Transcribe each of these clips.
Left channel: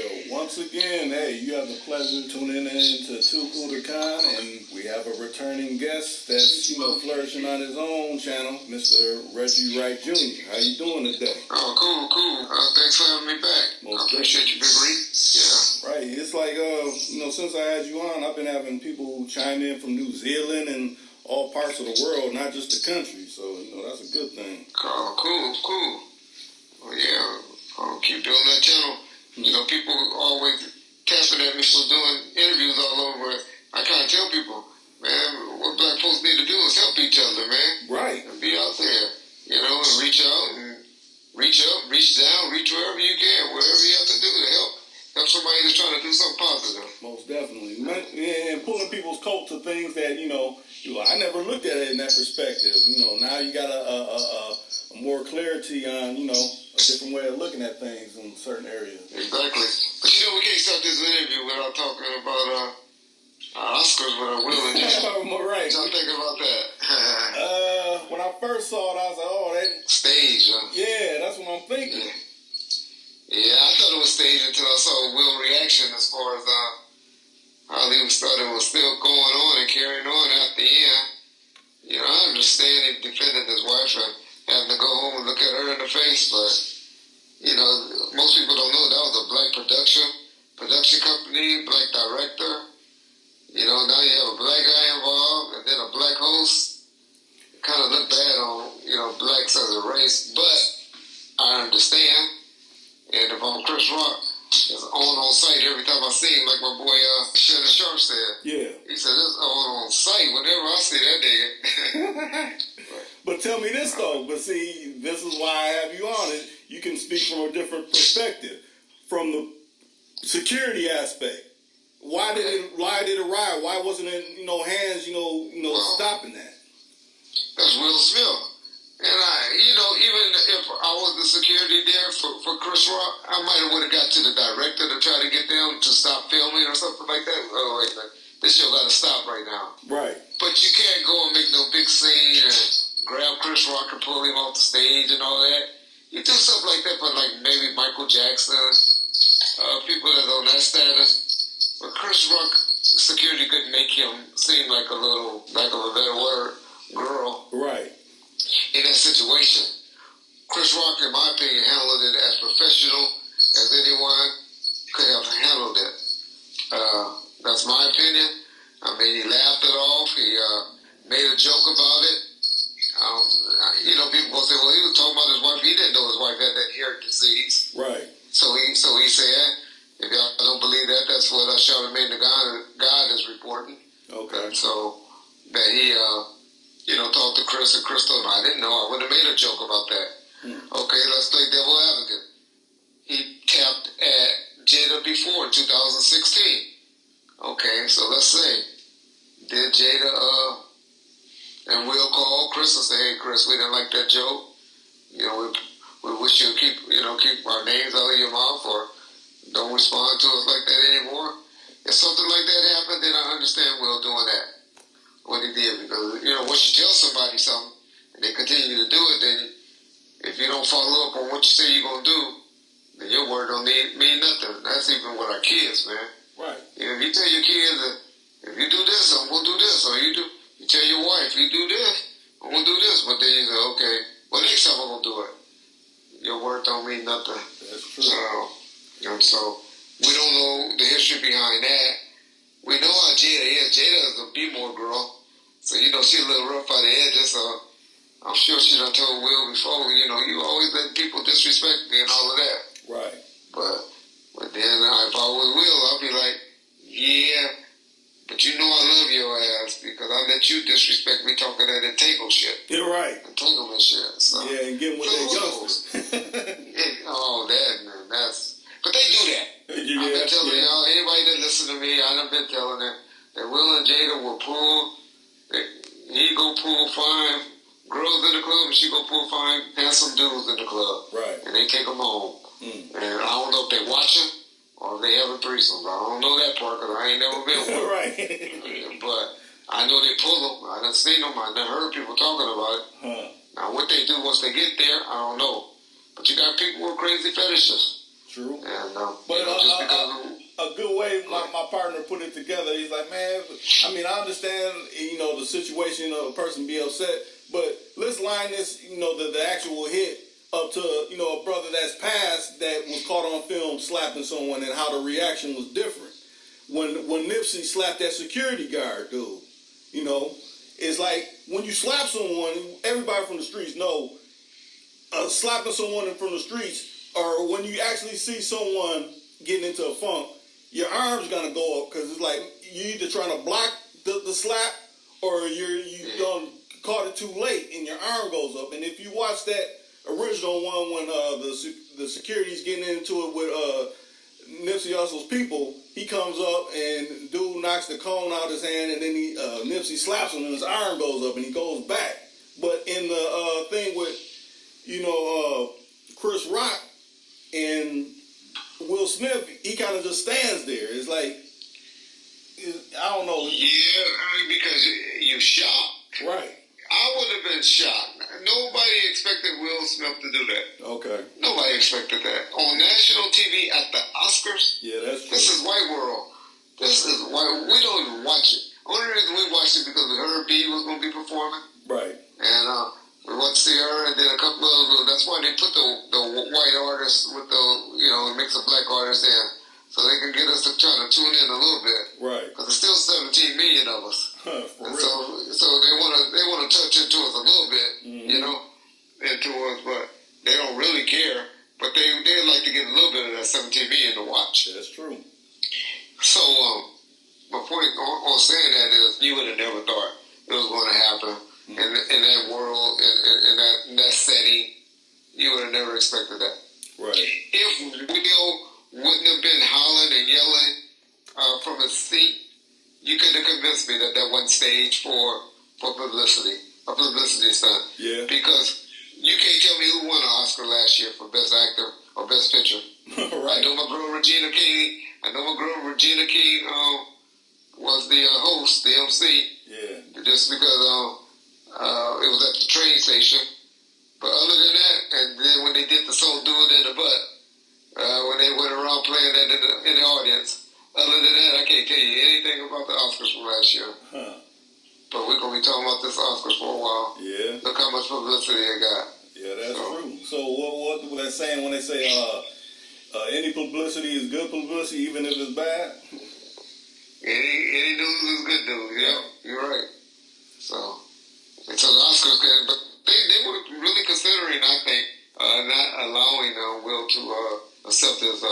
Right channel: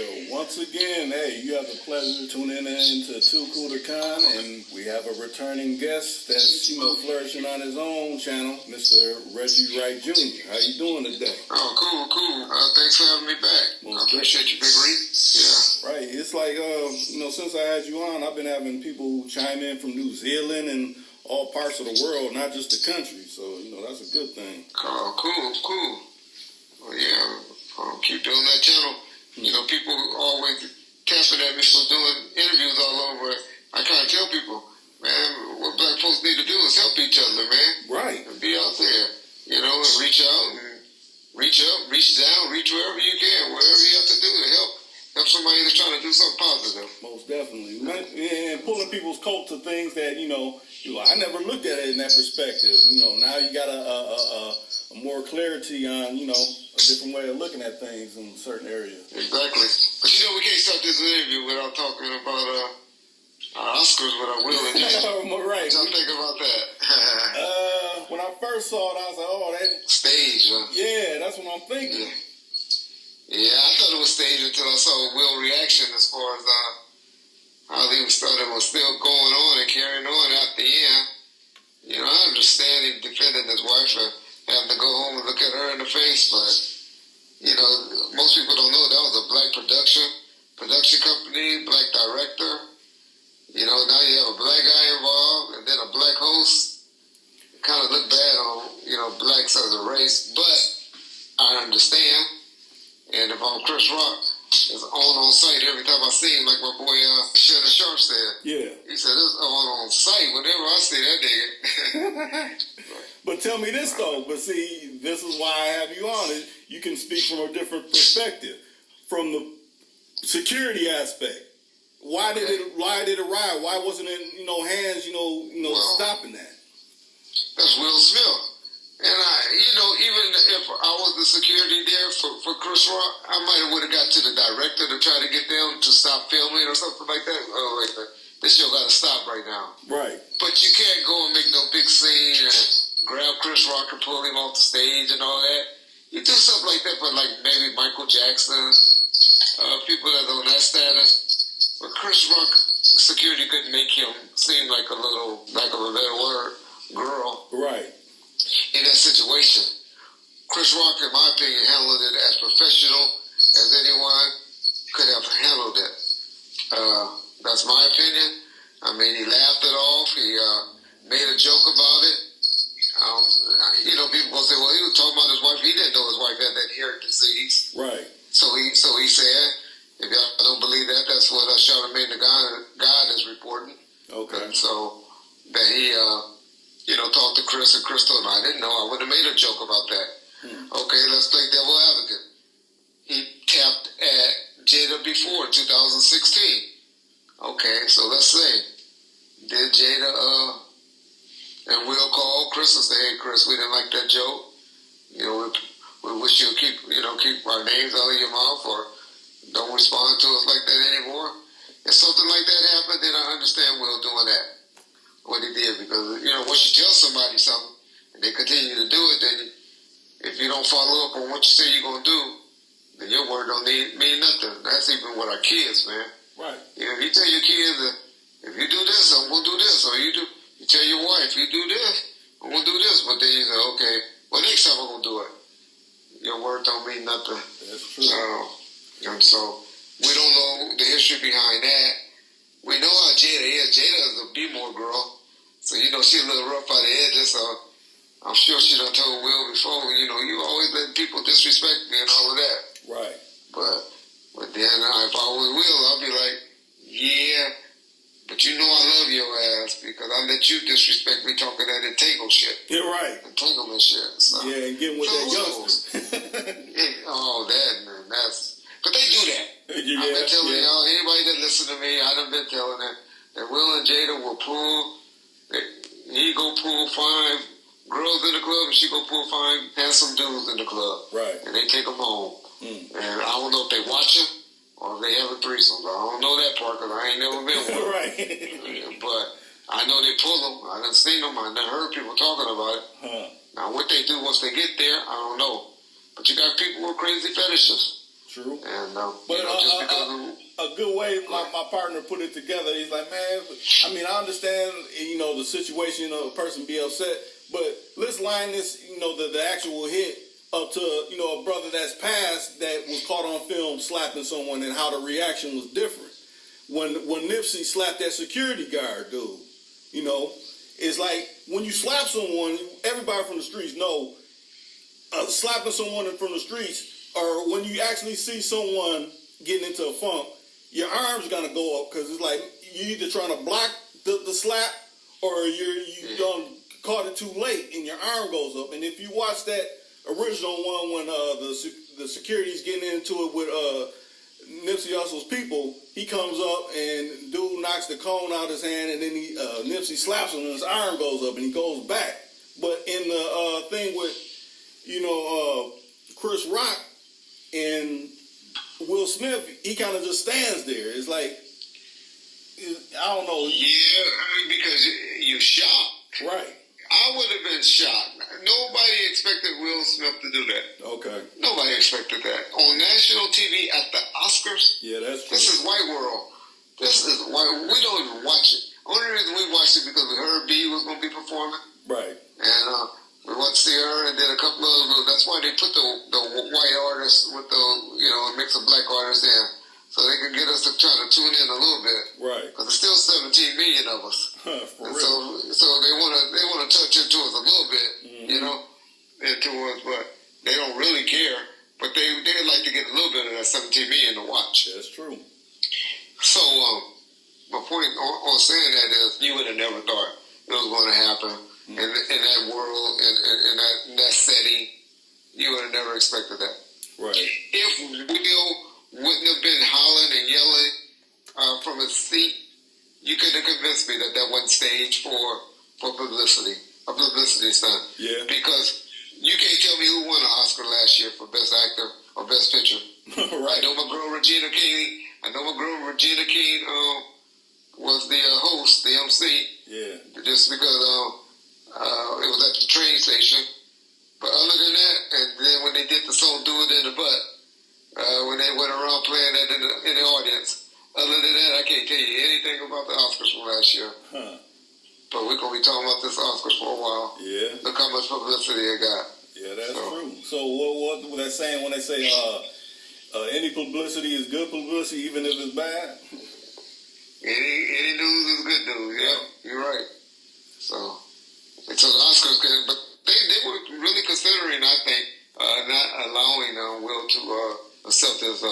Yo, once again, hey, you have the pleasure of tuning in to Too Cool to Con, and we have a returning guest that's, flourishing on his own channel, Mr. Reggie Wright Jr. How you doing today? Oh, cool. Thanks for having me back. I appreciate you, Big Reek. Yeah. Right. It's like, since I had you on, I've been having people chime in from New Zealand and all parts of the world, not just the country. So, that's a good thing. Oh, cool. Well, yeah, keep building that channel. People always tapping at me for doing interviews all over. I kind of tell people, man, what black folks need to do is help each other, man. Right. And be out there, and reach out and reach up, reach down, reach wherever you can, wherever you have to do to help somebody that's trying to do something positive. Most definitely. And pulling people's coat to things that, I never looked at it in that perspective. Now you got a more clarity on, a different way of looking at things in certain areas. Exactly. But we can't start this interview without talking about our Oscars with our Will and Jada. Right. What y'all think about that? When I first saw it, I was like, oh, that... Stage, huh? Yeah, that's what I'm thinking. Yeah, I thought it was staged until I saw Will's reaction as far as how he was still going on and carrying on at the end. I understand he defended his wife and having to go home and look at her in the face, but, most people don't know that was a black production company, black director. Now you have a black guy involved and then a black host. Kind of look bad on, blacks as a race, but I understand. And if I'm Chris Rock, it's on site every time I see him, like my boy Shannon Sharp said. Yeah. He said, it's on site whenever I see that nigga. But tell me this, though. But see, this is why I have you on it. You can speak from a different perspective. From the security aspect. Why did it riot? Why wasn't it, hands, stopping that? That's Will Smith. And even if I was the security there for Chris Rock, I might have would have got to the director to try to get them to stop filming or something like that. Oh, wait, this show got to stop right now. Right. But you can't go and make no big scene and grab Chris Rock and pull him off the stage and all that. You do something like that for maybe Michael Jackson, people that's on that status. But Chris Rock security couldn't make him seem like a little, lack of a better word, girl. Right. In that situation. Chris Rock, in my opinion, handled it as professional as anyone could have handled it. That's my opinion. I mean, he laughed it off. He made a joke about it. People gonna say, well, he was talking about his wife. He didn't know his wife had that hair disease. Right. So he said, if y'all don't believe that, that's what Charlamagne the God is reporting. Okay. And so that he, talked to Chris, and Chris told him, I didn't know. I would have made a joke about that. Okay, let's play devil advocate. He tapped at Jada before in 2016. Okay, so let's say, did Jada and Will call Chris and say, hey, Chris, we didn't like that joke. We wish you'd keep our names out of your mouth or don't respond to us like that anymore. If something like that happened, then I understand Will doing that. What he did, because once you tell somebody something and they continue to do it, then if you don't follow up on what you say you're gonna do, then your word don't mean nothing. That's even with our kids, man. Right. If you tell your kids that if you do this, I'm gonna do this, or you tell your wife, you do this, I'm gonna do this, but then you say, okay, well next time I'm gonna do it. Your word don't mean nothing. That's true. And so we don't know the history behind that. We know how Jada is. Jada is a B-more girl. So, she's a little rough by the edges. So, I'm sure she done told Will before, you always let people disrespect me and all of that. Right. But then if I was Will, I'll be like, yeah, but I love your ass because I let you disrespect me talking that entangled shit. You're right. Entanglement shit. So. Yeah, and getting with that youngster. But they do that. Yeah, I've been telling y'all, anybody that listen to me, I done been telling them that Will and Jada will he go pull fine girls in the club and she go pull fine handsome dudes in the club. Right. And they take them home. And I don't know if they watching or if they having threesomes. I don't know that part because I ain't never been one. Right. But I know they pull them. I done seen them. I done heard people talking about it. Now what they do once they get there, I don't know. But you got people with crazy fetishes. True. And but you know, just because a good way my partner put it together, he's like, man, I mean, I understand, you know, the situation of a person be upset, but let's line this, you know, the actual hit up to, you know, a brother that's passed that was caught on film slapping someone and how the reaction was different. When Nipsey slapped that security guard dude, you know, it's like when you slap someone, everybody from the streets know slapping someone from the streets, or when you actually see someone getting into a funk, your arm's gonna go up because it's like you either trying to block the slap or you done caught it too late and your arm goes up. And if you watch that original one when the security's getting into it with Nipsey Hussle's people, he comes up and dude knocks the cone out his hand and then Nipsey slaps him and his arm goes up and he goes back. But in the thing with, you know, Chris Rock and Will Smith, he kind of just stands there. It's like, I don't know. Yeah, I mean, because you're shocked. Right. I would have been shocked. Nobody expected Will Smith to do that. Okay. Nobody expected that. On national TV at the Oscars? Yeah, that's true. This is white world. This is white. We don't even watch it. Only reason we watched it because we heard B was going to be performing. Right. And we watched her and then a couple of, that's why they put the white artists with the, you know, a mix of black artists in. So they can get us to try to tune in a little bit. Right. Because there's still 17 million of us. For and real. so they want to touch into us a little bit, you know, into us, but they don't really care. But they'd like to get a little bit of that 17 million to watch. That's true. So my point on saying that is you would have never thought it was going to happen in that world, in that setting. You would have never expected that. Right. If Will wouldn't have been hollering and yelling from his seat, you could have convinced me that wasn't staged for publicity, a publicity stunt. Yeah. Because you can't tell me who won an Oscar last year for Best Actor or Best Picture. Right. I know my girl Regina King was the host, the MC. Yeah. Just because it was at the train station. But other than that, and then when they did the song "Do It in the Butt," when they went around playing that in the audience. Other than that, I can't tell you anything about the Oscars from last year. Huh. But we're going to be talking about this Oscars for a while. Yeah. Look how much publicity it got. Yeah, that's true. So what were they saying when they say any publicity is good publicity, even if it's bad? Any news is good news. Yeah, you're right. So the Oscars, but they were really considering, I think, not allowing Will to accept his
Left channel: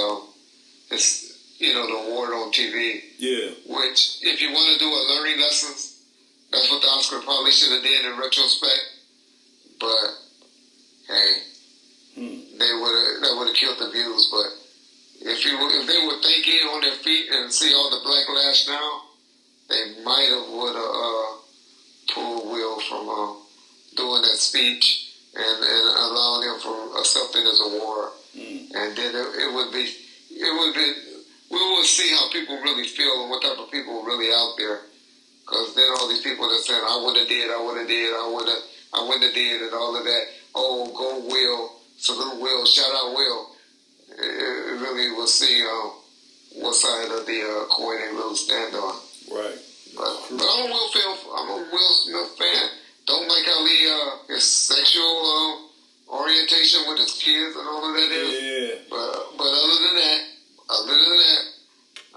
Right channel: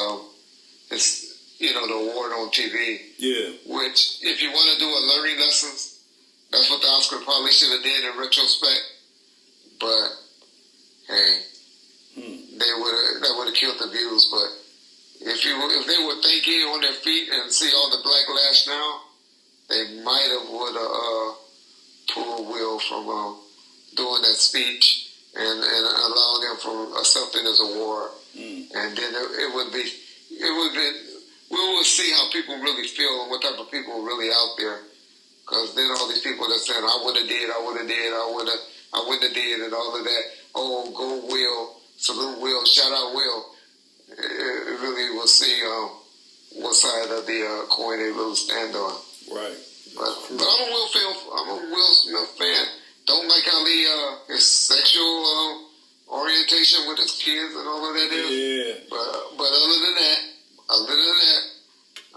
you know, the award on TV. Yeah. Which, if you want to do a learning lessons, that's what the Oscar probably should have done in retrospect. But hey, that would have killed the views. But if they were thinking on their feet and see all the backlash now, they might have would have pulled Will from doing that speech and allowing him from accepting his award. And then it would be. We will see how people really feel and what type of people are really out there. Because then all these people that saying, I wouldn't have did, and all of that. Oh, go Will, salute Will, shout out Will. It really will see what side of the coin they really stand on. Right. But I'm a Will Smith fan. Don't like how his sexual orientation with his kids and all of that is. Yeah. But other than that,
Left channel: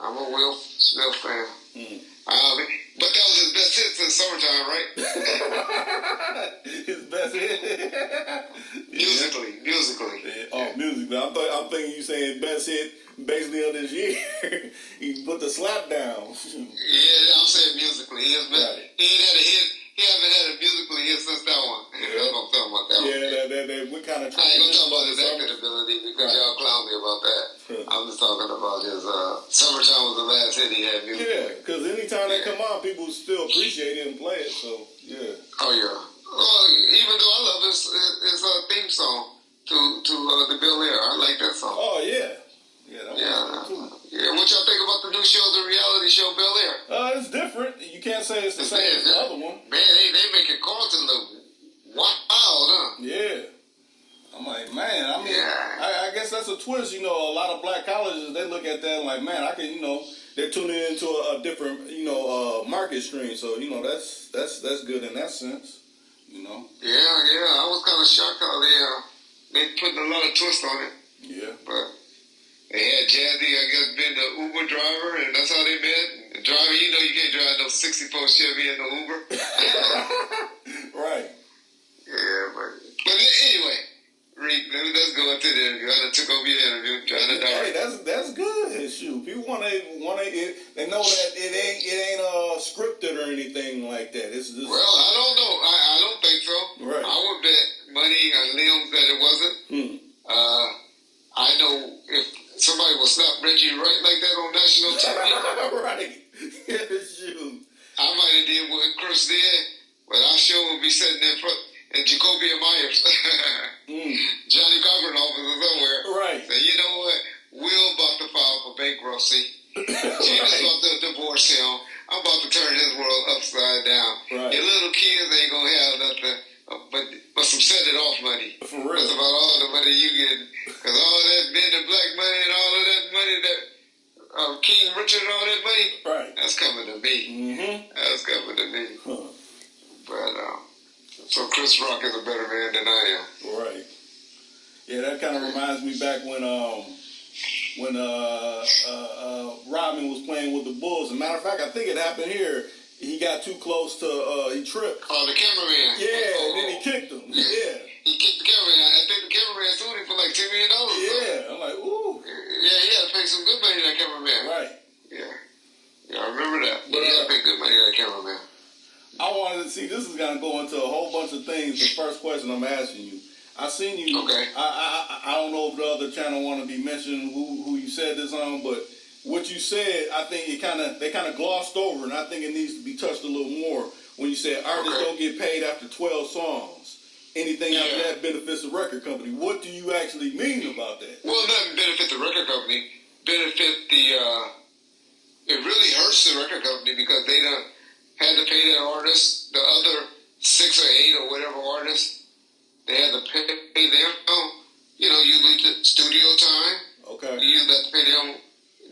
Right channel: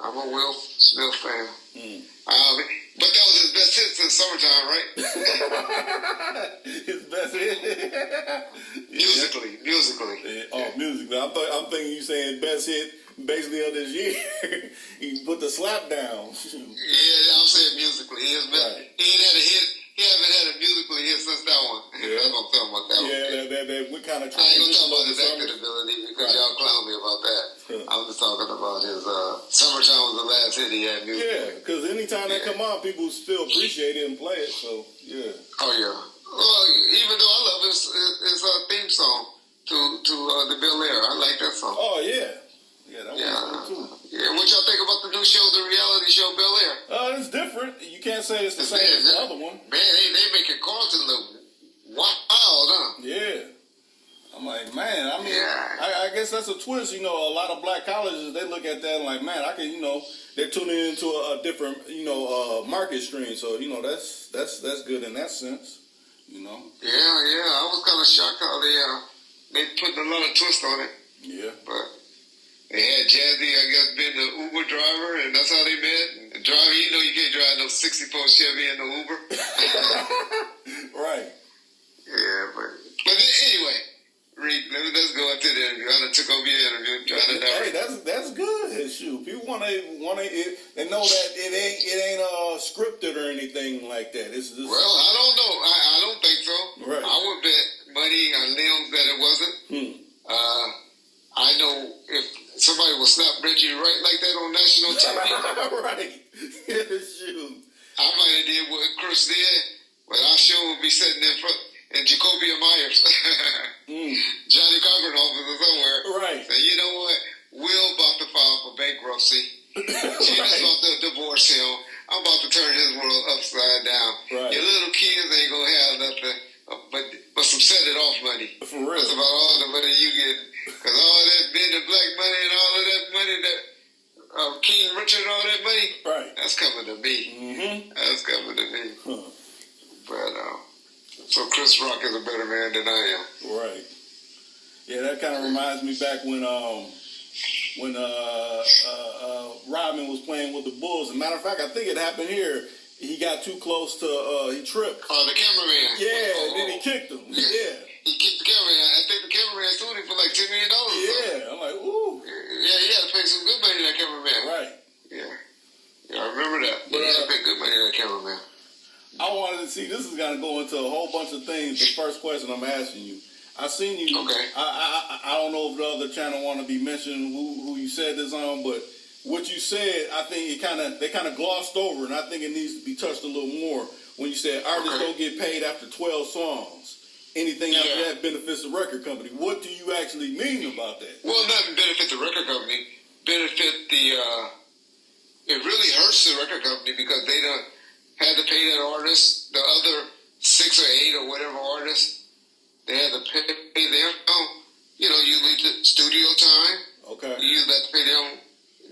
I'm a Will Smith fan. But that was his best hit since summertime, right? His best hit? Musically. Yeah. Oh, musically. I'm thinking you saying best hit basically of this year. He put the slap down. Yeah, I'm saying musically. He ain't had a hit. He haven't had a musically hit since that one. Yeah. That's what I'm talking about. That one. That what kind of. I ain't gonna talk about his acting ability because y'all clown me about that. I'm just talking about his "Summertime" was the last hit he had music. Yeah, because anytime they come on, people still appreciate it and play it. So yeah. Oh yeah. Well, even though I love his theme song to the Bill Air, I like that song. Oh yeah. Yeah, that was cool too. Yeah, what y'all think about the new show, the reality show Bel Air? It's different. You can't say it's the same as the other one. Man, they making Carlton look wild, huh? Yeah. I'm like, Like, man, I mean, Yeah. I guess that's a twist. You know, a lot of black colleges, they look at that and like, man, I can, you know, they're tuning into a different, you know, market stream. So, you know, that's good in that sense, you know. Yeah. I was kind of shocked how they putting a lot of twist on it. Yeah. But they had Jazzy, I guess, being the Uber driver, and that's how they met. And driving, you know, you can't drive no 64 Chevy in the Uber. Right. Yeah, but anyway, Reek, let's go into the interview. I done took over your interview, trying to direct. Hey, that's good. Shoot, people want to they know that it ain't scripted or anything like that. It's just, Well, I don't know. I don't think so. Right. I would bet money on limbs that it wasn't. I know if somebody would slap Reggie Wright like that on national TV. Right. Yeah, shoot. I might have did what Chris did, but our show would be sitting in front. And Jacoby Myers, Johnny Cochran officer somewhere. Right. So you know what? Will about to file for bankruptcy. Gina's about to divorce him. I'm about to turn his world upside down. Right. Your little kids ain't gonna have nothing but some set it off money. For real. That's about all the money you getting. Because all that bend and black money and all of that money that King Richard and all that money, Right. that's coming to me. Mm-hmm. That's coming to me. Huh. But so Chris Rock is a better man than I am. Right. Yeah, that kind of reminds me back when Rodman was playing with the Bulls. As a matter of fact, I think it happened here. He got too close to he tripped. Oh, the cameraman. Yeah, and then he kicked him. Yeah. He kicked the cameraman. I think the cameraman sued him for like $10 million. Yeah. I'm like, ooh. Yeah, he had to pay some good money to that cameraman. Right. Yeah, I remember that. But he had to pay good money to that cameraman. I wanted to see, this is going to go into a whole bunch of things. The first question I'm asking you, I seen you. Okay. I don't know if the other channel want to be mentioned who you said this on, but what you said, I think they kind of glossed over, and I think it needs to be touched a little more. When you said artists don't get paid after 12 songs, anything after that benefits the record company. What do you actually mean about that? Well, not benefit the record company, benefit it really hurts the record company because they don't had to pay that artist, the other 6 or 8 or whatever artists, they had to pay them. You know, usually the studio time. Okay. You usually have to pay them,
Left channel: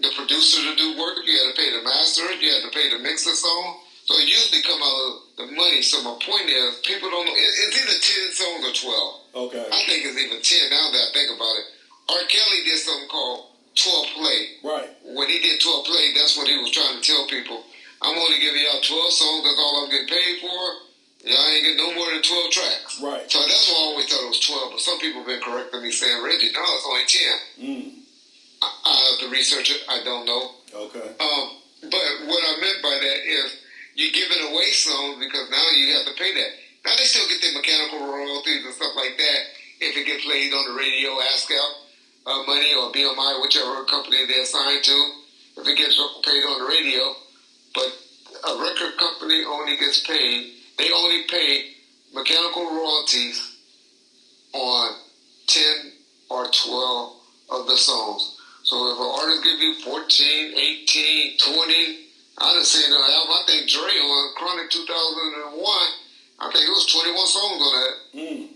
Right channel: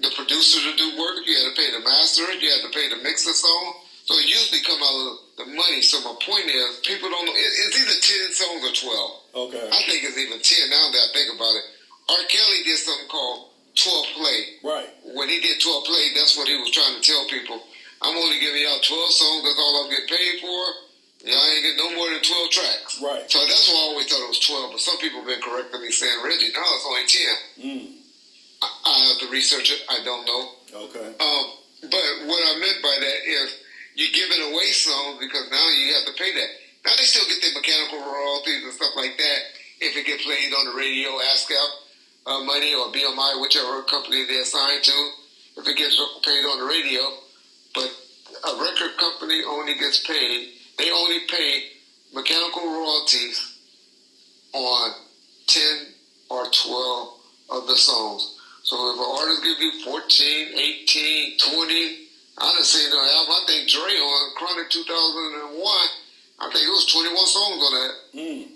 the producer to do work. You had to pay the master. You had to pay to mix the song. So it usually come out of the money. So my point is, people don't know. It's either 10 songs or 12. Okay. I think it's even 10 now that I think about it. R. Kelly did something called 12 play. Right. When he did 12 play, that's what he was trying to tell people. I'm only giving y'all 12 songs. That's all I'm getting paid for. Y'all ain't getting no more than 12 tracks. Right. So that's why I always thought it was 12. But some people have been correcting me saying, Reggie, no, it's only 10. I have to research it. I don't know. Okay. But what I meant by that is you're giving away songs because now you have to pay that. Now they still get their mechanical royalties and stuff like that if it gets played on the radio, ASCAP money or BMI, whichever company they're assigned to, if it gets paid on the radio. But a record company only gets paid, they only pay mechanical royalties on 10 or 12 of the songs. So if an artist give you 14, 18, 20, I done seen an album, I think Dre on Chronic 2001, I think it was 21 songs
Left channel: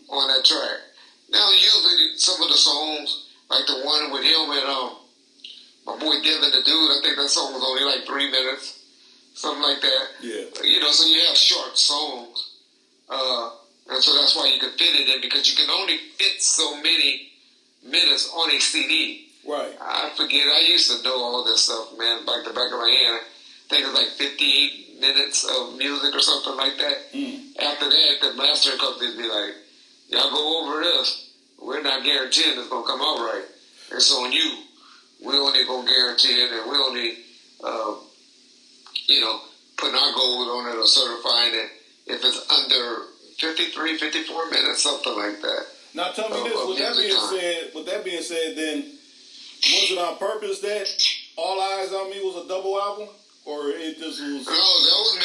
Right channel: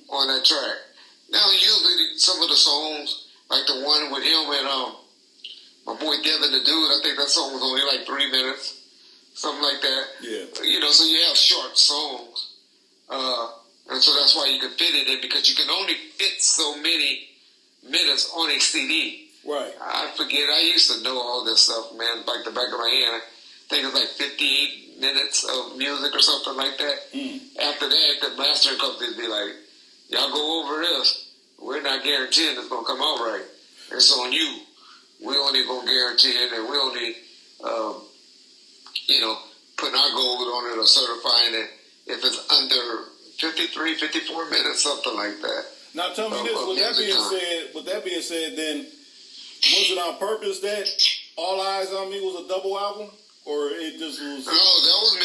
on that track. Now usually some of the songs, like the one with him and my boy Devin the Dude, I think that song was only like 3 minutes. Something like that. Yeah. You know, so you have short songs. And so that's why you can fit it in because you can only fit so many minutes on a CD. Right. I forget. I used to know all this stuff, man, like the back of my hand. I think it's like 58 minutes of music or something like that. After that, the mastering companies be like, y'all go over this. We're not guaranteeing it's going to come out right. It's on you. We only going to guarantee it, and we only... putting our gold on it or certifying it if it's under 53, 54 minutes, something like that. Now tell me this, with that being said, then, was it on purpose that All Eyes on Me was a double album? Or it just was... No, that was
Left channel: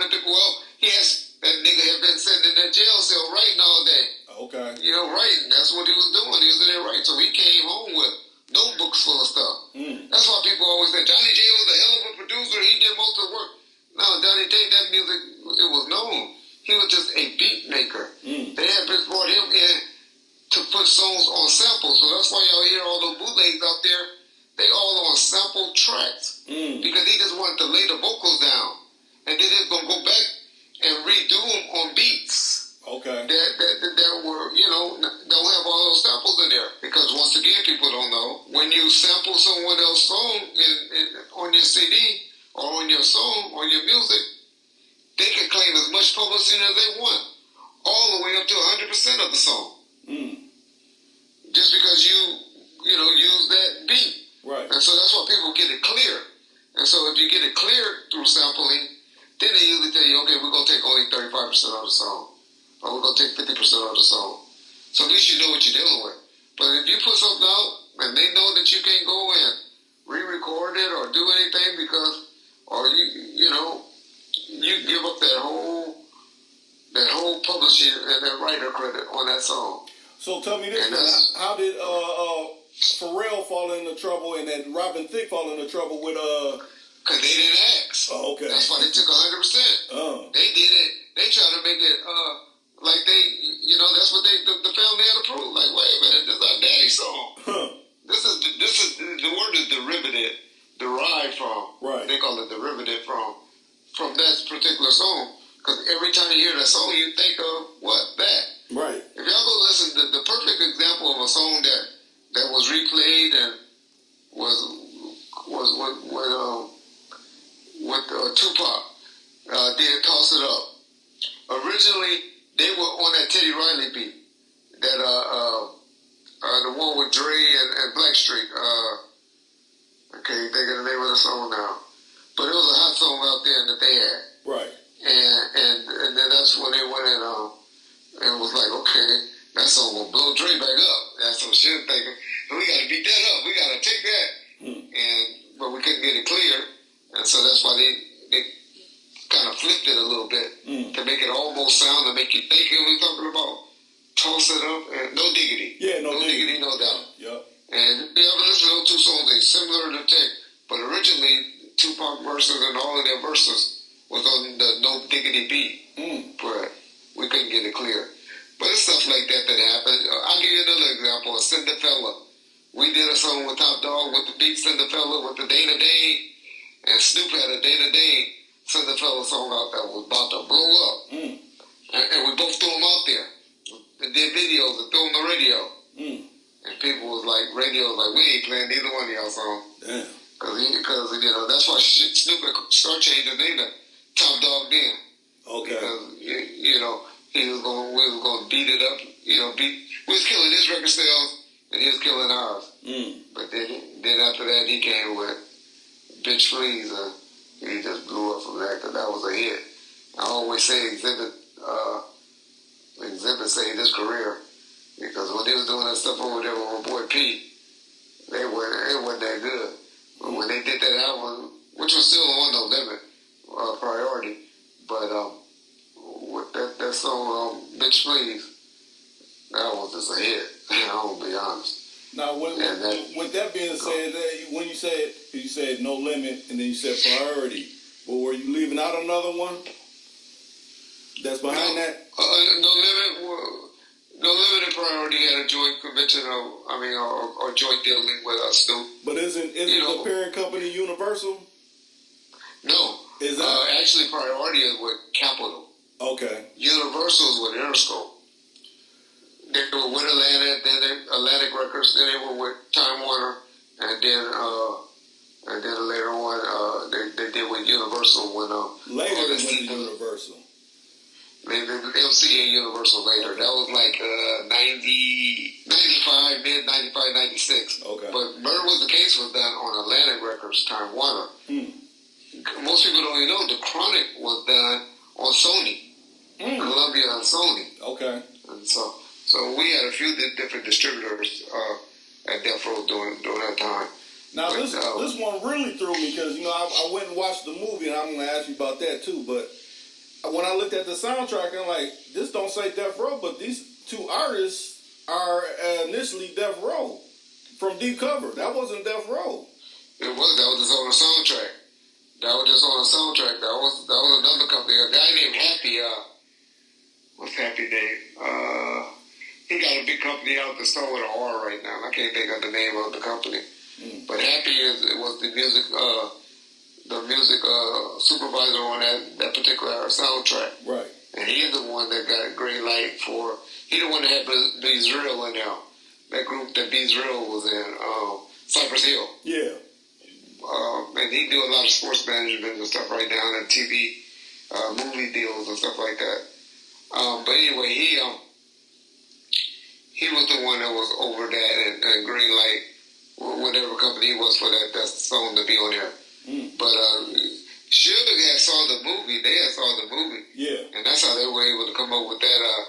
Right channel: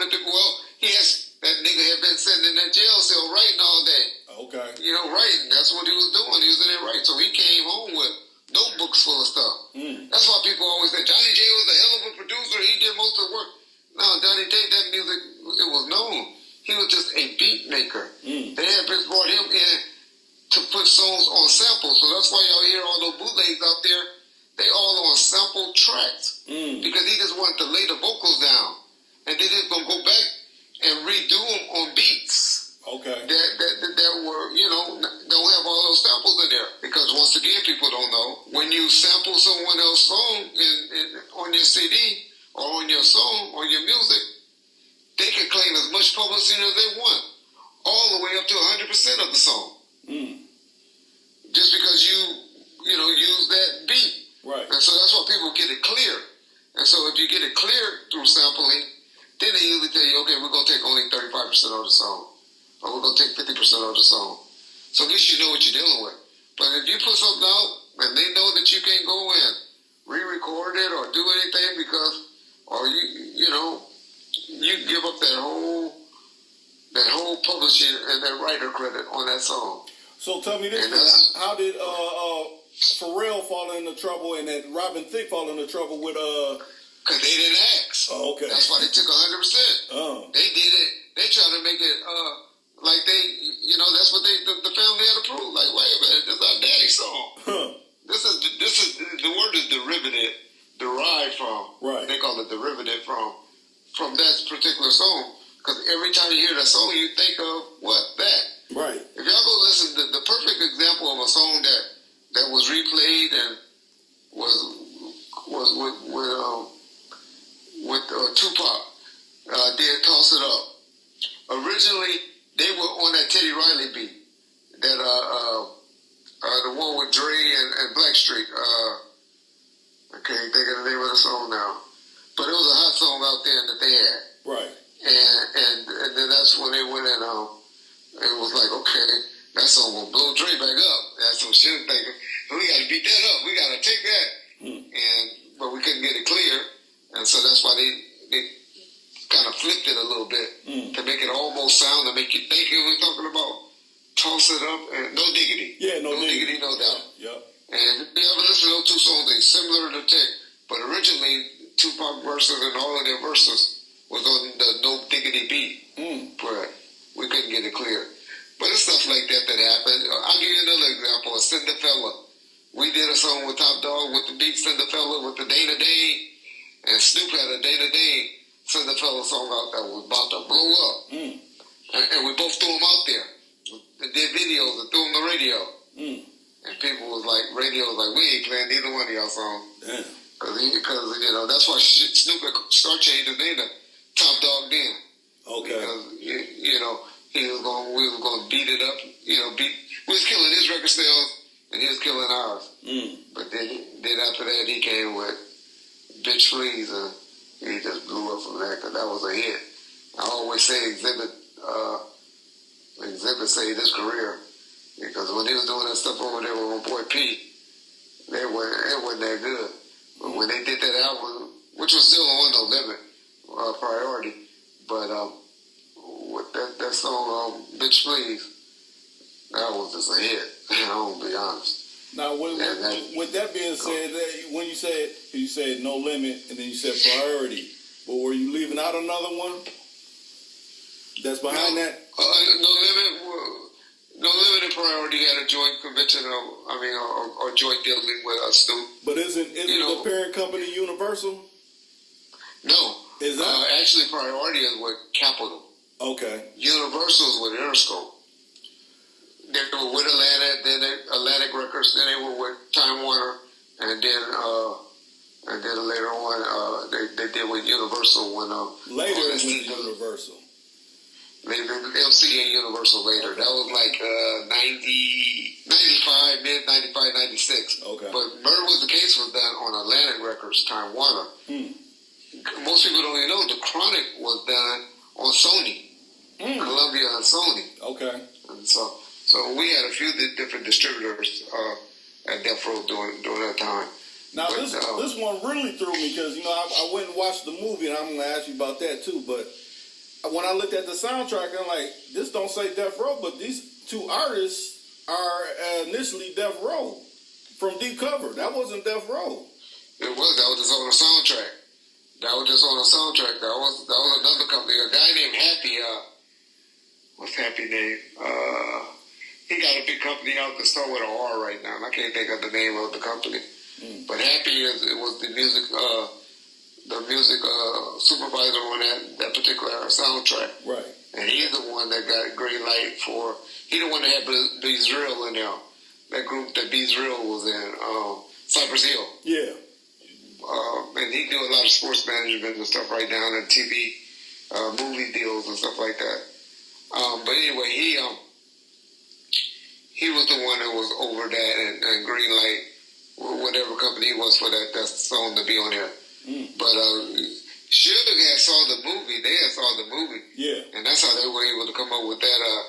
meant to, that nigga had been sitting in that jail cell writing all day. Okay. You know, writing, that's what he was doing. He was in there writing. So he came home with notebooks full of stuff. That's why people always say, Johnny J was a hell of a producer. He did most of the work. No, Johnny J, that music, it was known. He was just a beat maker. They had just brought him in to put songs on samples. So that's why y'all hear all those bootlegs out there. They all on sample tracks because he just wanted to lay the vocals down, and then he's gonna go back and redo them on beats. Okay. That were, don't have all those samples in there. Because once again, people don't know, when you sample someone else's song on your CD or on your song, on your music, they can claim as much publicity as they want, all the way up to 100% of the song. Just because you use that beat. Right. And so that's why people get it clear. And so if you get it clear through sampling, then they usually tell you, okay, we're going to take only 35% of the song. Or we're going to take 50% of the song. So at least you know what you're dealing with. But if you put something out and they know that you can't go and re-record it or do anything because, or you give up that whole publishing and that writer credit on that song. So tell me this, how did Pharrell fall into trouble and that Robin Thicke fall into trouble with Because they didn't ask. Oh, okay. That's why they took 100%. Oh. They did it. They tried to make it like they, that's what the family had approved. Like, wait a minute, this is our daddy's song. Huh. This is the word is derived from. Right. They call it derivative from that particular song. Because every time you hear that song, you think of what? That. Right. If y'all go listen, the perfect example of a song that was replayed and was with Tupac did Toss It Up. Originally, they were on that Teddy Riley beat, that the one with Dre and Blackstreet. I can't think of the name of the song now, but it was a hot song out there that they had. Right. And then that's when they went and was like, okay, that song will blow Dre back up. That's what she was thinking. So we got to beat that up. We got to take that. But we couldn't get it clear, and so that's why they kind of flipped it a little bit to make it almost sound to make you think it was talking about Toss It Up and No Diggity. Yeah, no diggity, no doubt. Yep. And if you ever listen to those two songs, they similar to tech, but originally Tupac verses and all of their verses was on the No Diggity beat, but we couldn't get it clear. But it's stuff like that happened. I'll give you another example. Cinderfella. We did a song with Top Dog with the beat Cinderfella with the Dana Dane, and Snoop had a Dana Dane Cinderfella song out that was about to blow up. And we both threw them out there. And did videos and threw them on the radio. And people was like, radio was like, we ain't playing neither one of y'all songs. Damn. Because that's why Snoop started changing his name to Top Dog then. Okay. Because, we was going to beat it up. We was killing his record sales and he was killing ours. But then after that, he came with Bitch Please, and he just blew up from that because that was a hit. I always say Exhibit saved his career because when they was doing that stuff over there with my boy Pete, it wasn't that good. But when they did that album, which was still on No Limit, Priority, but with that song, Bitch Please, that was just a hit. I'm gonna be honest. Now, with that being said, when you said No Limit, and then you said Priority, but were you leaving out another one that's behind that? No Limit and Priority had a joint convention, or joint dealing with us, Snoop. But isn't the parent company Universal? No. Is that? Actually, Priority is with Capitol. Okay. Universal is with Interscope. They were with Atlantic Records, then they were with Time Warner, and then later on they did with Universal when later it went to Universal. MCA Universal later. Okay. That was like 95, mid 95, 96. Okay. But Murder Was the Case was done on Atlantic Records, Time Warner. Most people don't even know the Chronic was done on Sony, Columbia and Sony. Okay. And so we had a few different distributors at Death Row during that time. Now this one really threw me because I went and watched the movie, and I'm going to ask you about that too. But when I looked at the soundtrack, I'm like, this don't say Death Row, but these two artists are initially Death Row from Deep Cover. That wasn't Death Row. It was. That was just on the soundtrack. That was another company. A guy named Happy. What's Happy name? He he got a big company out that start with an R right now. And I can't think of the name of the company. But Happy was the music supervisor on that particular soundtrack. Right. And he's the one that got green light for. He the one that had Beezril in there. That group that Beezril was in, Cypress Hill. Yeah. And he do a lot of sports management and stuff right now, and TV, movie deals and stuff like that. But anyway, he was the one that was over that and green light, whatever company he was for that song to be on there. But Suge had saw the movie. They had saw the movie. Yeah. And that's how they were able to come up with that,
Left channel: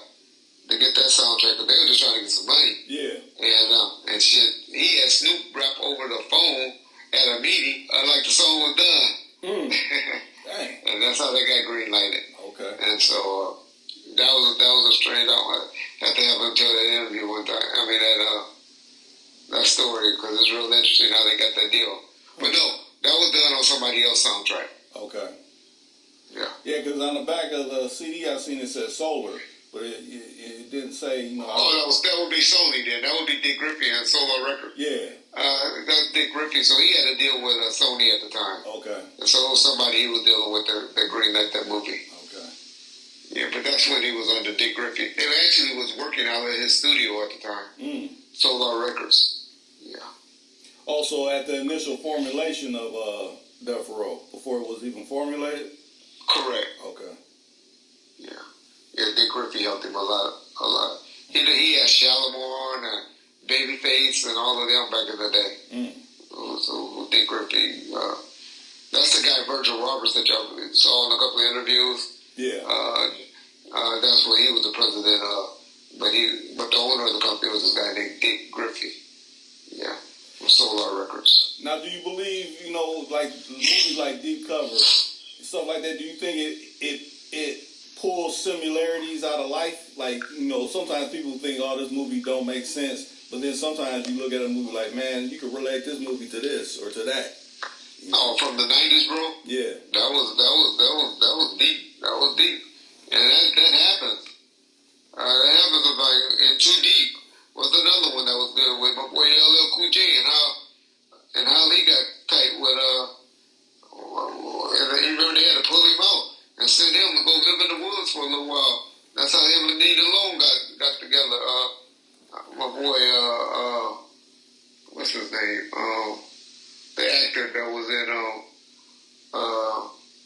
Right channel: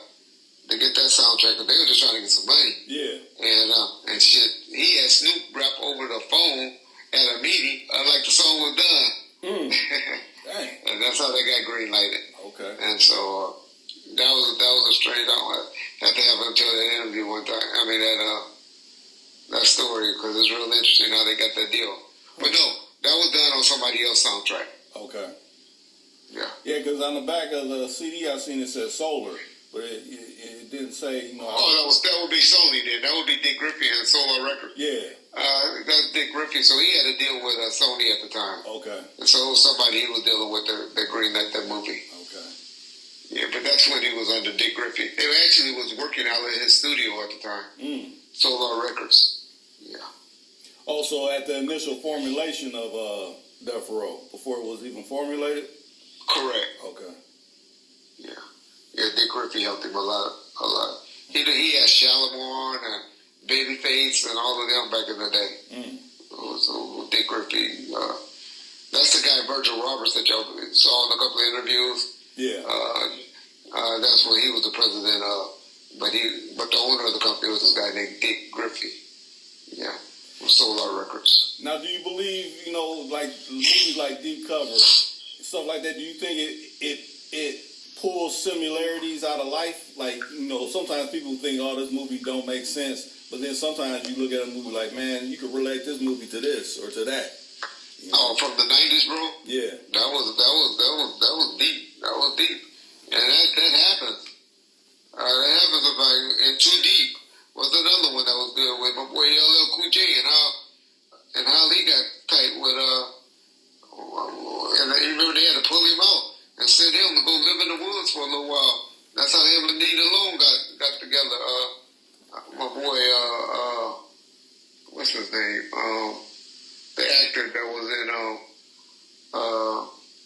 to get that soundtrack. But they were just trying to get some money. Yeah. And shit, he had Snoop rap over the phone at a meeting like the song was done. Dang. And that's how they got green lighted. Okay. And so that was a strange. I have to have him tell that interview one time. I mean that story, because it's real interesting how they got that deal. But no, that was done on somebody else's soundtrack. Okay. Yeah. Yeah, because on the back of the CD I seen it said Solar, but it didn't say, you know. That would be Sony then. That would be Dick Griffey and Solar Records. Yeah. That's Dick Griffey. So he had to deal with Sony at the time. Okay. And so it was somebody he was dealing with that green light that movie. Okay. Yeah, but that's when he was under Dick Griffey. They actually was working out of his studio at the time. Solar Records. Yeah. Also, at the initial formulation of Death Row, before it was even formulated? Correct. Okay. Yeah. Yeah, Dick Griffey helped him a lot. He had Shalimar and Babyface and all of them back in the day. So Dick Griffey, that's the guy Virgil Roberts that y'all saw in a couple of interviews. Yeah. That's what he was the president of. But the owner of the company was this guy named Dick Griffey. Yeah. From Solar Records. Now, do you believe, you know, like movies like Deep Cover, stuff like that, do you think it pulls similarities out of life? Like, you know, sometimes people think, oh, this movie don't make sense. But then sometimes you look at a movie like, man, you could relate this movie to this or to that. You know? Oh, from the 90s, bro? Yeah. That was deep. That was deep. And that happens. That happens like in Too Deep was another one that was good with my boy LL Cool J and how he got tight with and you remember they had to pull him out and send him to go live in the woods for a little while. That's how him and Nina Long got together. My boy, what's his name? The actor that was in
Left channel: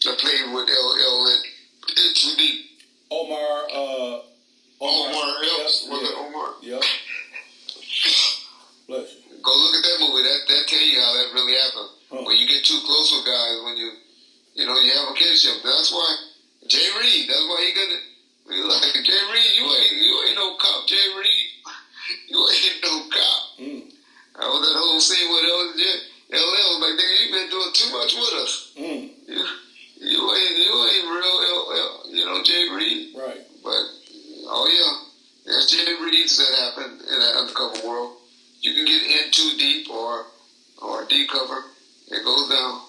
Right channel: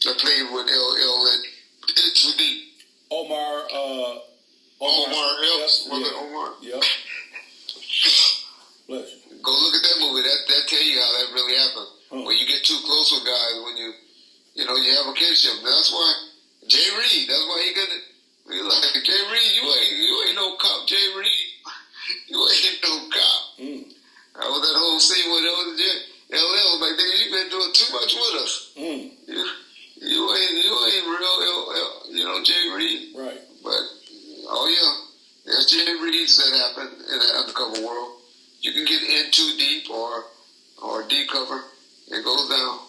that played with LL in Too Deep. Omar Epps. Was it Omar? Yep. Bless you. Go look at that movie. That tell you how that really happened. When you get too close with guys, when you have a kinship. That's why Jay Reed. That's why he got it. He like Jay Reed. You ain't no cop, Jay Reed. You ain't no cop. That was that whole scene with LL was like, nigga, you been doing too much with us. You ain't real Jay Reed. Right. But there's Jay Reeds that happen in that undercover world. You can get in too deep or deep cover. It goes down.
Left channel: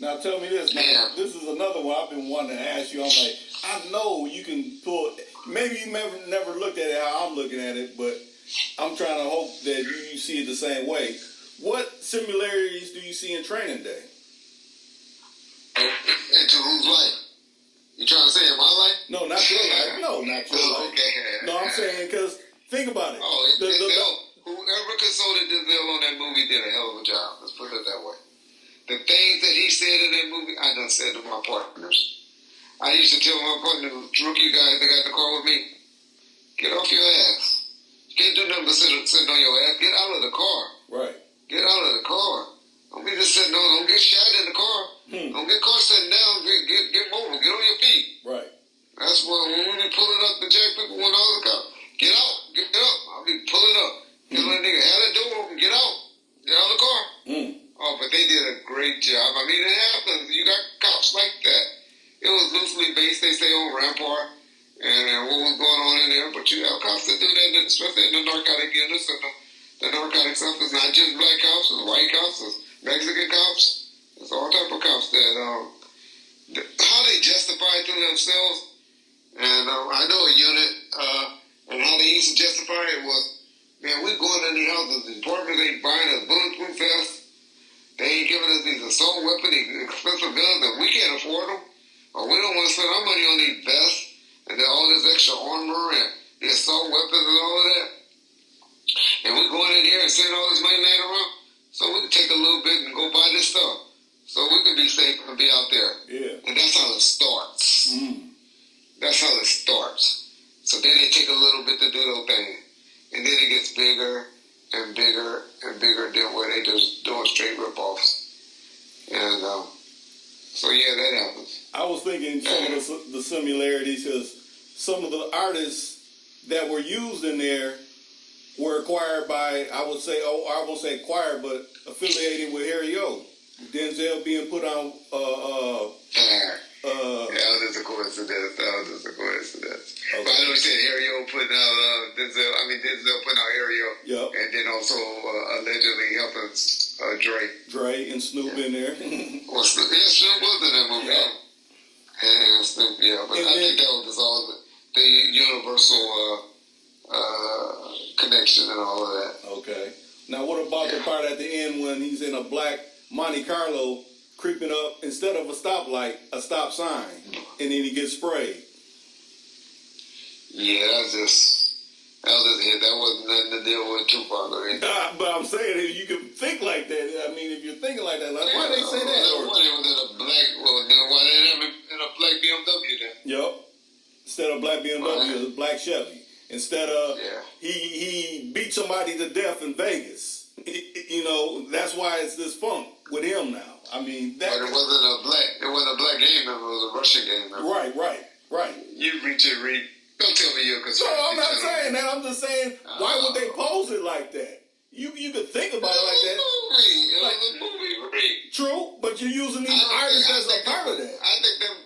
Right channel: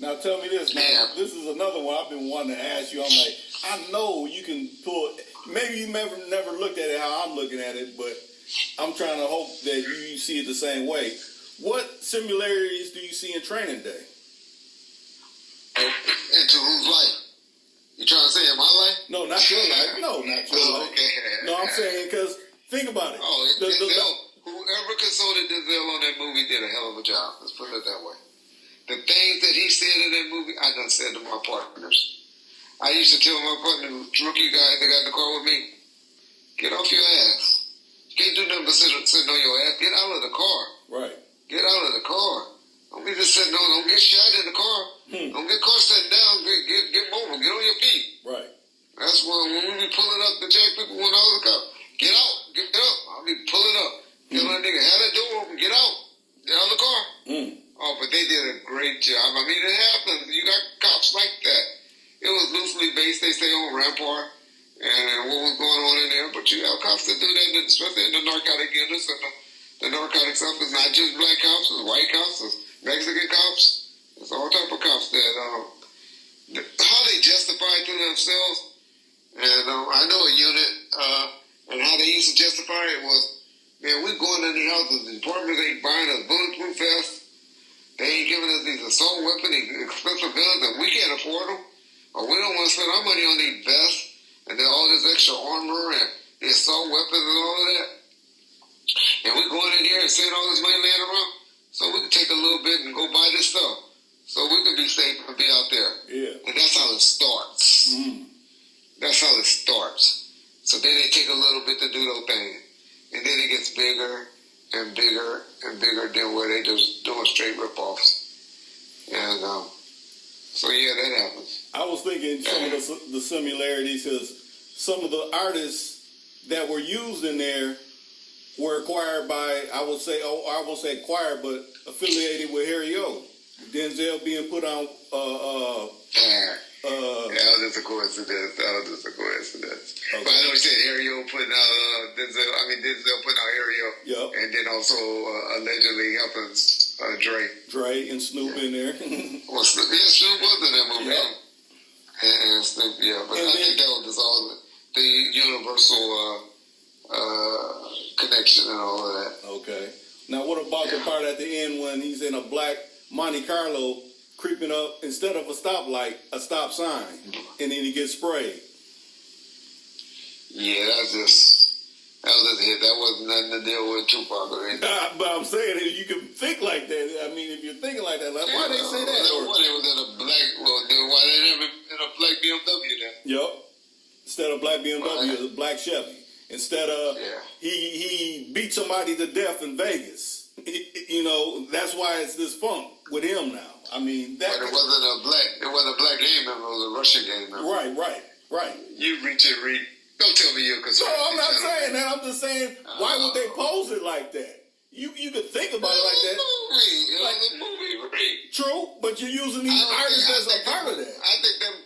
Now tell me this. Now, this is another one I've been wanting to ask you. I'm like, I know you can pull. Maybe you never looked at it how I'm looking at it, but I'm trying to hope that you see it the same way. What similarities do you see in Training Day? Into whose life? You trying to say in my life? No, not your life. No, not your life. Okay. No, I'm saying because think about it. Whoever consulted Denzel on that movie did a hell of a job. Let's put it that way. The things that he said in that movie, I done said to my partners. I used to tell my partner, rookie guys that got in the car with me, get off your ass. You can't do nothing but sitting on your ass. Get out of the car. Right. Get out of the car. Don't be just sitting on. Don't get shot in the car. Don't get caught sitting down. Get mobile. Get on your feet. Right. That's when we be pulling up the jack people when all the cops. Get out. Get up. I'll be pulling up. Tell that nigga, have that door open. Get out. Get out of the car. Oh, but they did a great job. I mean, it happens. You got cops like that. It was loosely based, they say, on Rampart and what was going on in there. But you have cops that do that, especially in the narcotic industry. The narcotic stuff is not just black cops. It's white cops. It's Mexican cops. It's all type of cops that how they justify it to themselves. And I know a unit And how they used to justify it was, man, we going in these houses, the departments ain't buying us bulletproof vests. They ain't giving us these assault weapons, these expensive guns that we can't afford them. Or we don't want to spend our money on these vests and then all this extra armor and the assault weapons and all of that. And we going in here and seeing all this money laying around so we can take a little bit and go buy this stuff so we can be safe and be out there. Yeah. And that's how it starts. That's how it starts. So then they take a little bit to do those things. And then it gets bigger and bigger and bigger than where they just doing straight rip-offs. And so, yeah, that happens. I was thinking some of the similarities because some of the artists that were used in there were acquired by, I won't say acquired, but affiliated with Harry O. Denzel being put on. That was just a coincidence. Okay. But I know you said Harry O putting out Denzel. Denzel putting out Harry O. Yep. And then also allegedly helping Dre and Snoop in there. Well, Snoop was in that movie. Yep. And Snoop, yeah. But I think that was just all the universal connection and all of that. Okay. Now, what about the part at the end when he's in a black Monte Carlo creeping up, instead of a stoplight, a stop sign, and then he gets sprayed? Yeah, that was just a hit. That wasn't nothing to deal with Tupac or anything. But I'm saying, you can think like that. I mean, if you're thinking like that, like, why they say that? Why they was in a black, why they didn't have it in a black BMW then? Yep. Instead of black BMW, a black Chevy. Instead of, he beat somebody to death in Vegas. That's why it's this funk with him now. I mean, that. But it wasn't a black gang member. It was a Russian gang member. Right. You reach it, Reek. Don't tell me you're concerned. No, I'm not saying that. I'm just saying, why would they pose it like that? You could think about it like that. It was a movie, Reek. True, but you're using these artists as a part of that. I think them.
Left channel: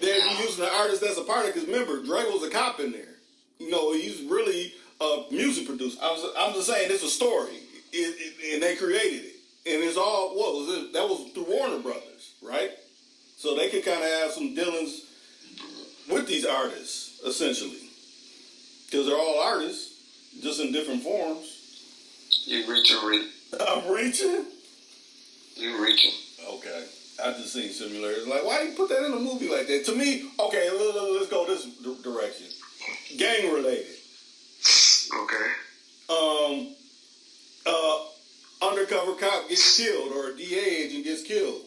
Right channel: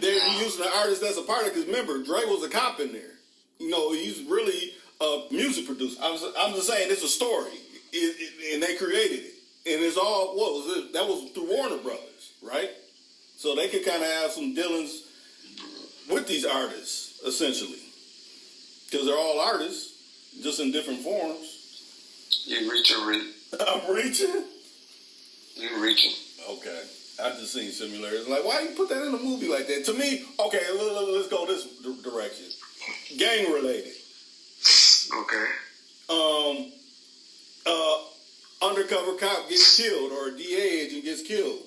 They're using the artist as a part of it because remember, Dre was a cop in there. He's really a music producer. I'm just saying it's a story, and they created it, and it's all that was through Warner Brothers, right? So they could kind of have some dealings with these artists essentially, because they're all artists, just in different forms. You reaching, Reek. I'm reaching. You reaching. Okay. I just seen similarities. Like, why do you put that in a movie like that? To me, okay, let's go this direction. Gang related. Okay. Undercover cop gets killed or a DA agent gets killed.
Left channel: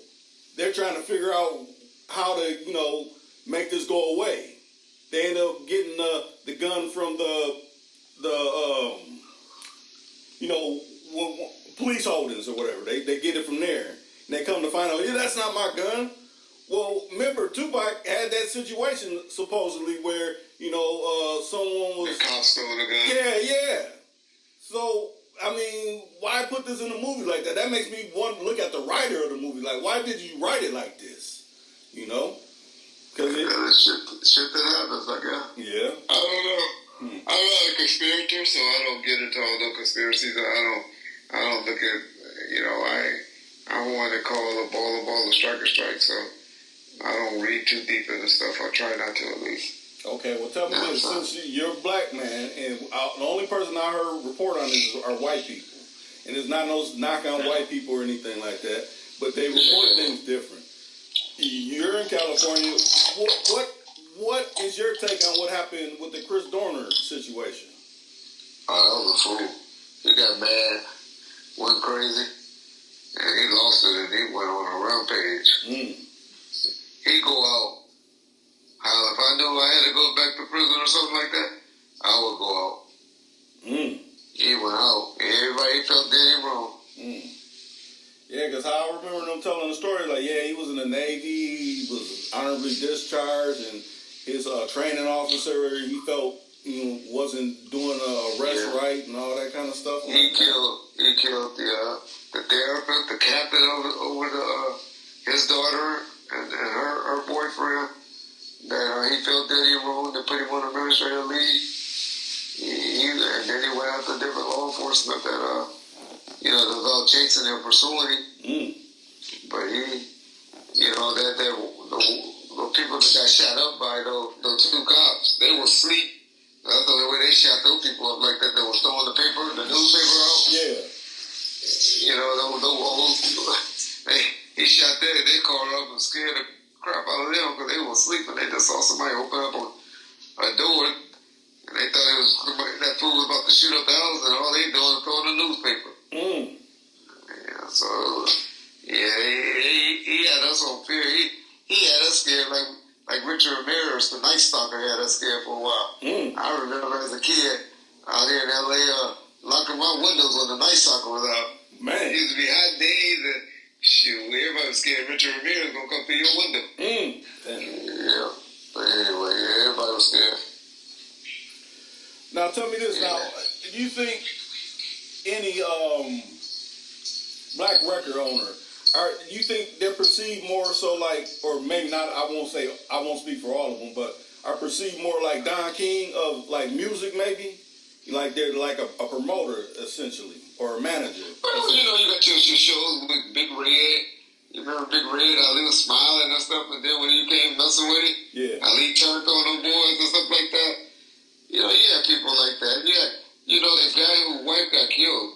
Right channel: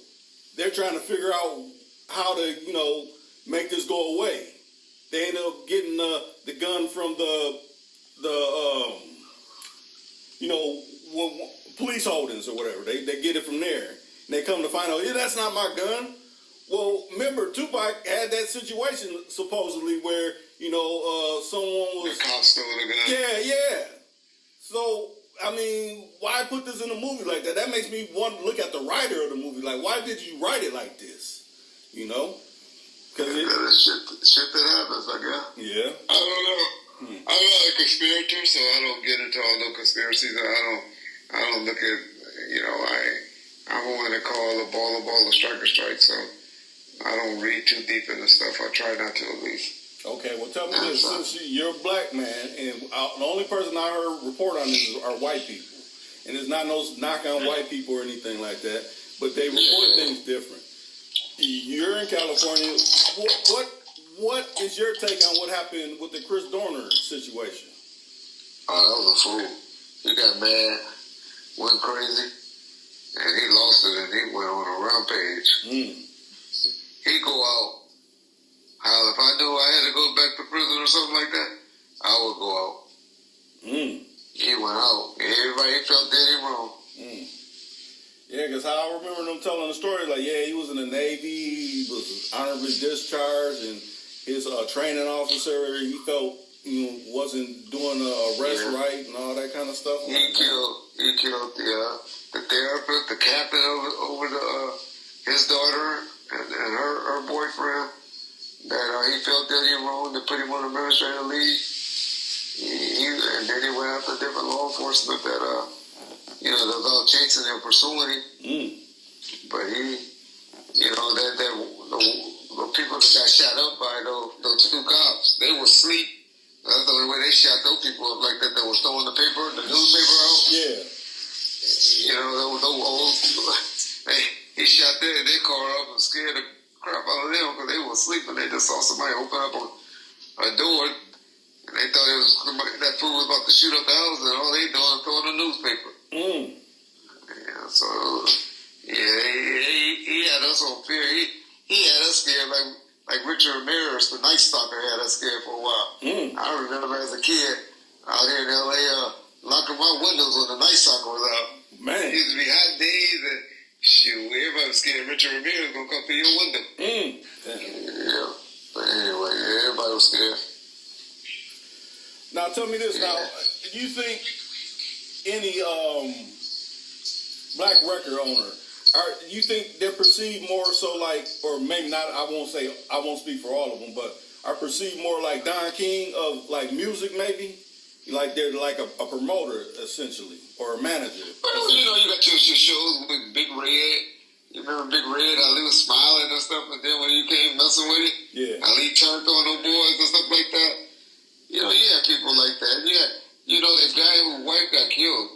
They're trying to figure out how to, make this go away. They end up getting the gun from the police holdings or whatever. They get it from there. And they come to find out, that's not my gun. Well, remember, Tupac had that situation supposedly where, someone was... The cop stole the gun. Yeah. So, I mean, why put this in a movie like that? That makes me want to look at the writer of the movie. Like, why did you write it like this? Because shit that happens, I guess. Yeah. I don't know. I'm not a conspirator, so I don't get into all those conspiracies. I don't look at, I'm one to call a ball a strike, so I don't read too deep into stuff. I try not to, at least. Okay, well, tell me this. Since you're a black man, and the only person I heard report on this are white people. And it's not no knock on white people or anything like that, but they report things different. You're in California. What is your take on what happened with the Chris Dorner situation? Oh, that was a fool. He got mad, went crazy, and he lost it, and he went on a rampage. He go out. If I knew I had to go back to prison or something like that, I would go out. He went out. Everybody felt dead and wrong. Yeah, because how I remember them telling the story, like, he was in the Navy, he was honorably discharged, and his training officer, he felt, wasn't doing a arrest right and all that kind of stuff. He killed the therapist, the captain over his daughter and her boyfriend. That he felt that he wrong to put him on administrative leave. And then he went after different law enforcement that that was all chasing him, pursuing him. But he, the people that got shot up by those two cops, they were asleep That's the only way they shot those people up like that. They were throwing the newspaper out. Yeah. You know, those old. He shot their car up and scared the crap out of them because they were asleep and they just saw somebody open up a door and they thought that fool was about to shoot up the house and all they doing is throwing a newspaper. Yeah, so he had us on fear. He had us scared like Richard Ramirez, the Night Stalker, had us scared for a while. I remember as a kid out here in L.A. locking my windows when the Night Stalker was out. Man, it used to be hot days and shoot, everybody was scared Richard Ramirez was gonna come through your window. Yeah, but anyway, everybody was scared. Now tell me this. Now, do you think any black record owner, you think they're perceived more so like, or maybe not? I won't speak for all of them, but are perceived more like Don King of like music, maybe? Like they're like a promoter essentially, or a manager. Well, you know, you got your shows with Big Red. You remember Big Red? Ali was smiling and stuff, and then when you came messing with it, Ali turned on them boys and stuff like that. You know, you had people like that. You know, that guy whose wife got killed.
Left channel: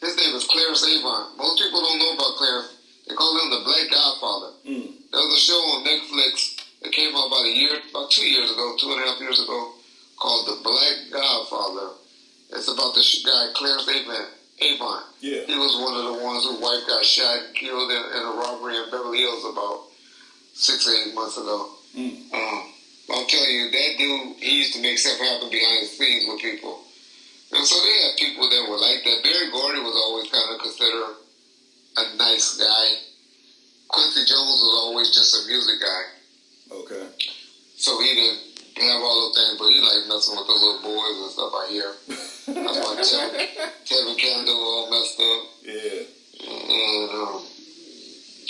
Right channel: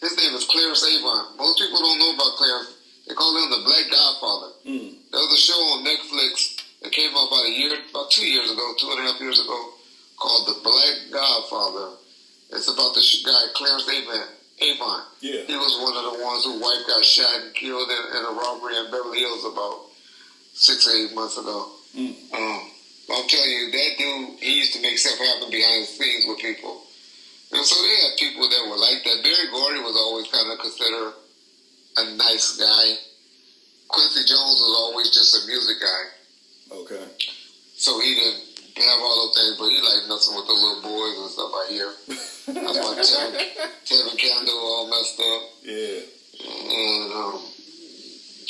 His name is Clarence Avon. Most people don't know about Clarence. They call him the Black Godfather. There was a show on Netflix that came out about 2 years ago, 2.5 years ago, called The Black Godfather. It's about the guy Clarence Avon. Yeah. He was one of the ones whose wife got shot and killed in a robbery in Beverly Hills about 6 or 8 months ago. I'm telling you, that dude, he used to make stuff happen behind the scenes with people. And so they had people that were like that. Barry Gordy was always kind of considered a nice guy. Quincy Jones was always just a music guy. Okay. So he didn't have all those things, but he liked messing with the little boys and stuff I hear. That's why Tevin Campbell all messed up. Yeah. And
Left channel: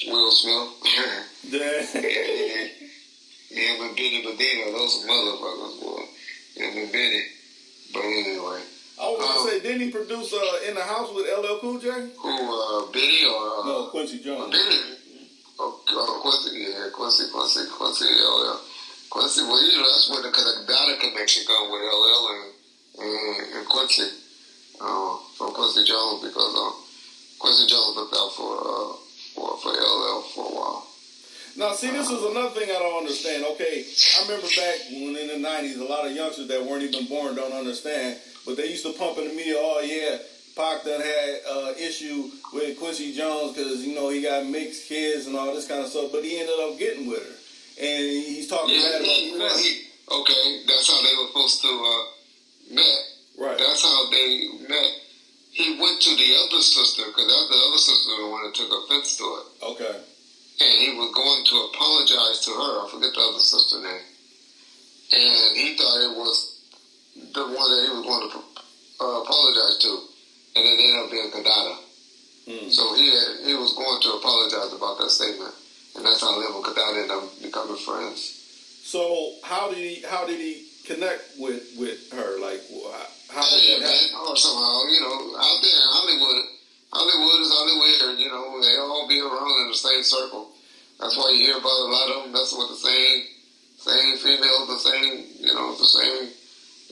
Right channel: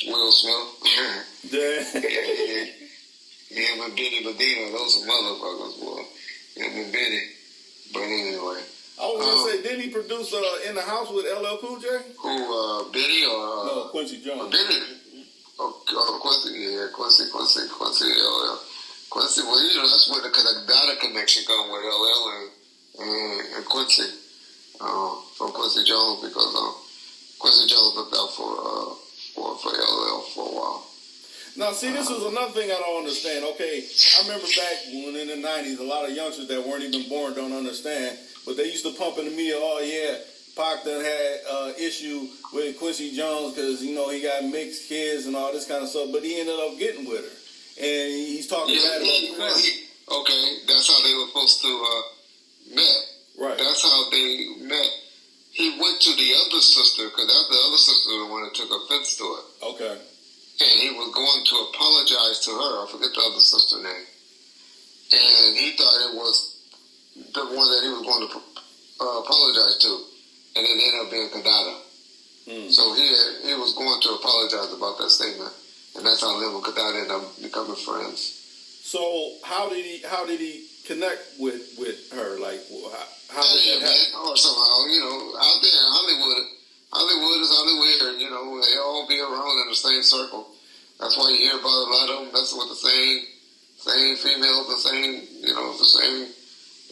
Will Smith. Him and Benny Medina, those are motherfuckers, boy. Him and Benny. But anyway. I was going to say, didn't he produce In the House with LL Cool J? Who, Benny or... no, Quincy Jones. Benny. Quincy, yeah, Quincy, LL. Quincy, well, you know, that's where the Kadada connection come with LL and Quincy. From Quincy Jones, because Quincy Jones looked out for LL for a while. Now, see, this is another thing I don't understand. Okay, I remember back when in the 90s, a lot of youngsters that weren't even born don't understand, but they used to pump in the media, oh, yeah, Pac done had issue with Quincy Jones because, you know, he got mixed kids and all this kind of stuff, but he ended up getting with her. And he's talking bad about the family. Okay, that's how they were supposed to met. Right. That's how they met. He went to the other sister, because the other sister was the one that took offense to it. Okay. And he was going to apologize to her. I forget the other sister's name. And he thought it was the one that he was going to apologize to. And it ended up being Kadada. So he was going to apologize about that statement. And that's how him and Kadada ended up becoming friends. So how did he connect with her? Like, how did that happen? Or somehow, you know, out there in Hollywood is Hollywood, you know, they all be around in the same circle. That's why you hear about a lot of them messing with the same females, the same, you know, the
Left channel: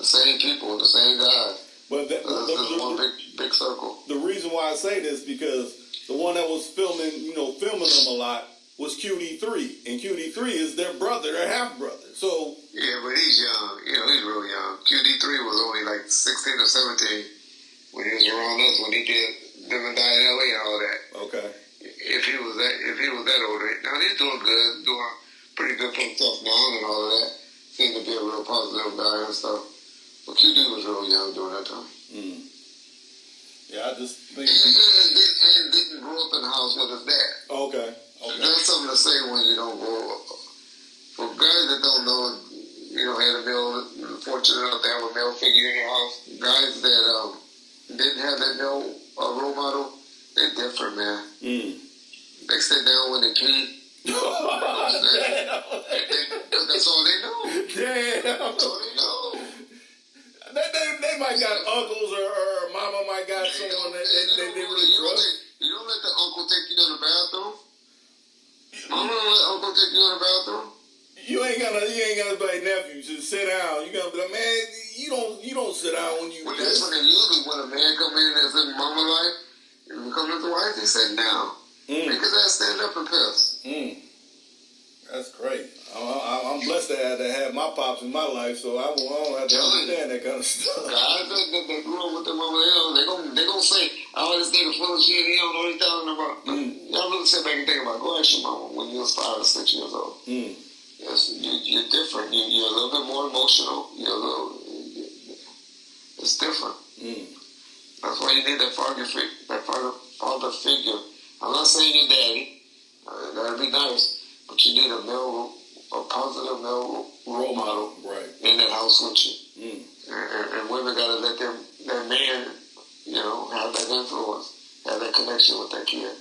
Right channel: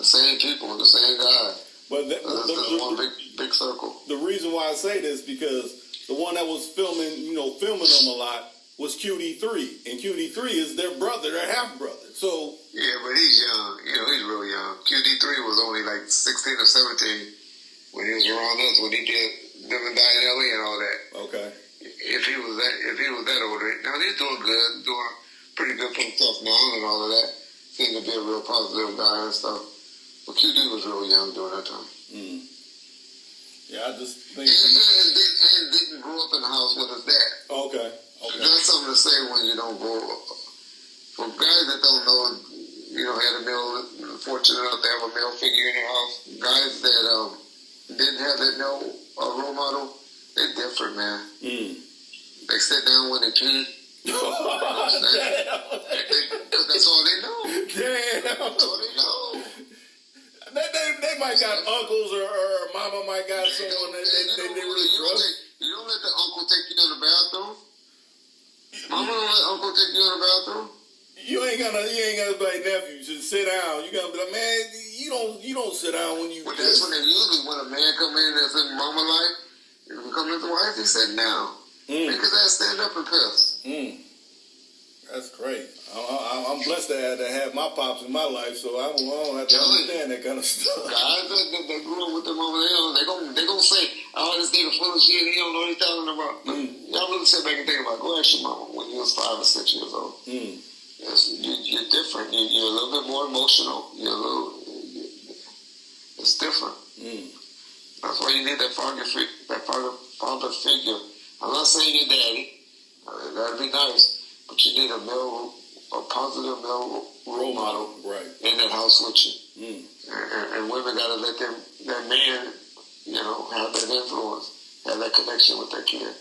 same people, the same guys. But this is one big circle. The reason why I say this because the one that was filming them a lot was QD3, and QD3 is their brother, their half brother. So yeah, but he's young. You know, he's real young. QD3 was only like 16 or 17 when he was around us when he did Live and Die in LA and all that. Okay. If he was that older, now he's doing pretty good for himself now and all of that. Seemed to be a real positive guy and stuff. But QD was real young during that time. Yeah, I just think and didn't grow up in the house with his dad. Okay. That's something to say when you don't grow up. For guys that don't know, you know, had fortunate enough to have a male figure in their house. Guys that didn't have that male role model, they're different, man. They sit down when they pee. Because that's all they know. Damn. That's all they know. They might got uncles or mama might got someone that they really trust. You don't let the uncle take you in the bathroom. Mama don't let uncle take you in the bathroom. You ain't gonna be like, nephew, just sit down. You gotta be like, man, you don't sit down when you. Well, that's when they usually, when a man come in that's in mama life, if you come in the wife, he sit down. Make his ass stand up and piss. That's great. I'm blessed to have my pops in my life, so I don't have to understand that kind of stuff. Guys that grew up with their mama, they gonna say, oh, this nigga full of shit, he don't know what he's talking about. Y'all really sit back and think about it. Go ask your mama when you was 5 or 6 years old. Yes, you're different. You're a little bit more emotional. It's different. That's why you need that father figure. I'm not saying your daddy. That'd be nice. But you need a positive male role model in that house with you. And women got to let that man, have that influence, have that connection with that kid.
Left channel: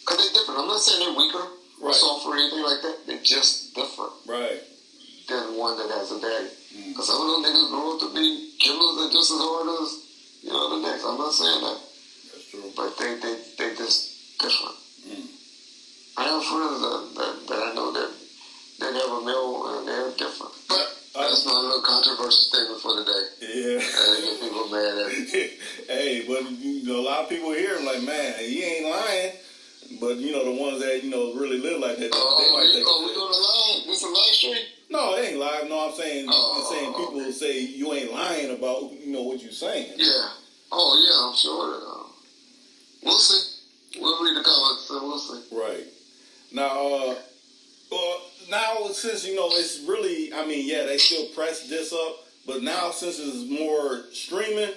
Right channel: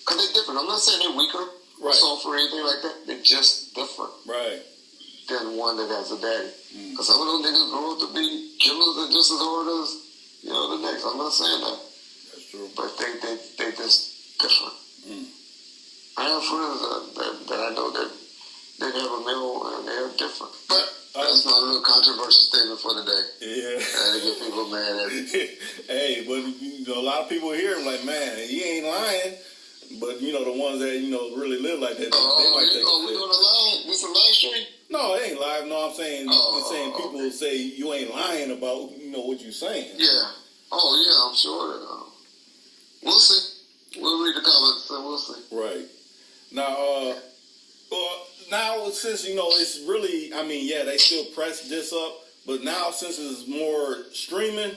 Because they're different. I'm not saying they're weaker or softer or anything like that. They're just different than one that has a daddy. Because some of those niggas grow up to be killers and just as hard as, the next. I'm not saying that. That's true. But they just different. I have friends that I know that have a male and they're different. But that's my little controversial statement for the day. Yeah. I get people mad at me. Hey, but a lot of people hear him like, man, he ain't lying. But the ones that really live like that, they might take. Oh, we doing a live? This a live stream? No, it ain't live. No, I'm saying people say you ain't lying about what you're saying. Yeah. Oh yeah, I'm sure that. We'll see. We'll read the comments and we'll see. Right. Now, now since it's really, they still press this up, but now since it's more streaming,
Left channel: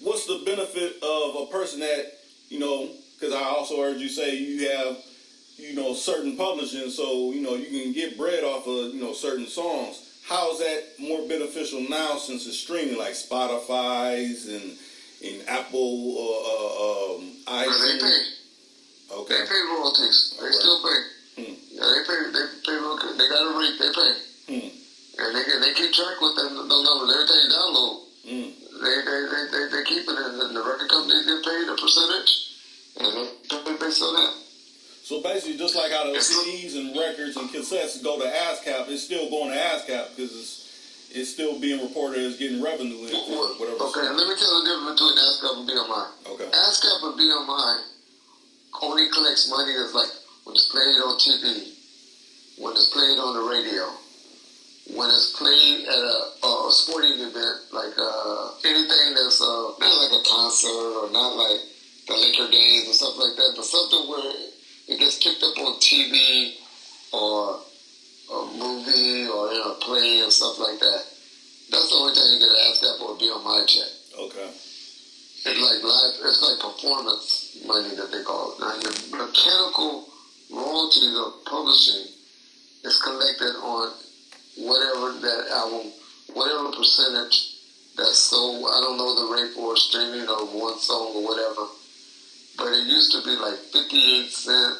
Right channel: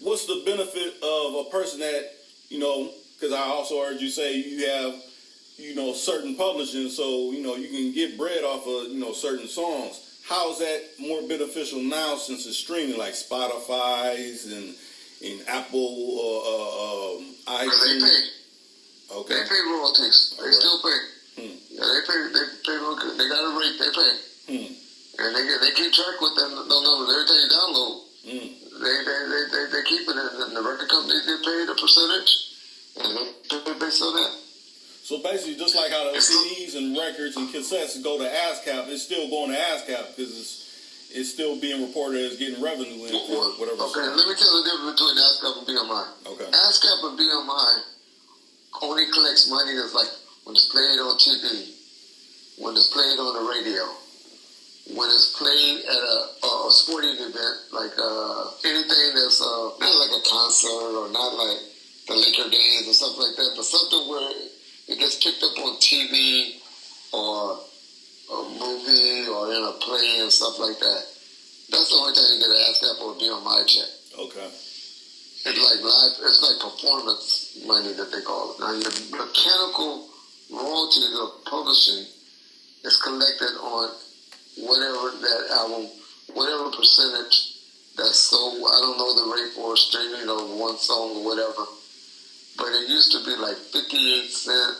what's the benefit of a person that because I also heard you say you have certain publishing, so you can get bread off of certain songs. How is that more beneficial now since it's streaming, like Spotify's and Apple, iTunes? They pay. Okay. They pay royalties. They still pay. Yeah, they pay. They got a rate. They pay. And they keep track with them numbers. Every time you download, they keep it, and the record companies get paid a percentage, and they pay based on that. So basically, just like how the CDs and records and cassettes go to ASCAP, it's still going to ASCAP because it's still being reported as getting revenue in for whatever. Okay, let me tell you the difference between ASCAP and BMI. Okay. ASCAP and BMI only collects money that's like when it's played on TV, when it's played on the radio, when it's played at a sporting event, like anything that's not like a concert or not like the Laker games and stuff like that, but something where it gets picked up on TV or a movie or in a play and stuff like that. That's the only time you get an ASCAP or a BMI check. Okay. It's like performance money that they call it. Now, your mechanical royalties of publishing is collected on whatever that album, whatever percentage that's sold. I don't know the rate for streaming or one song or whatever. But it used to be like 58 cents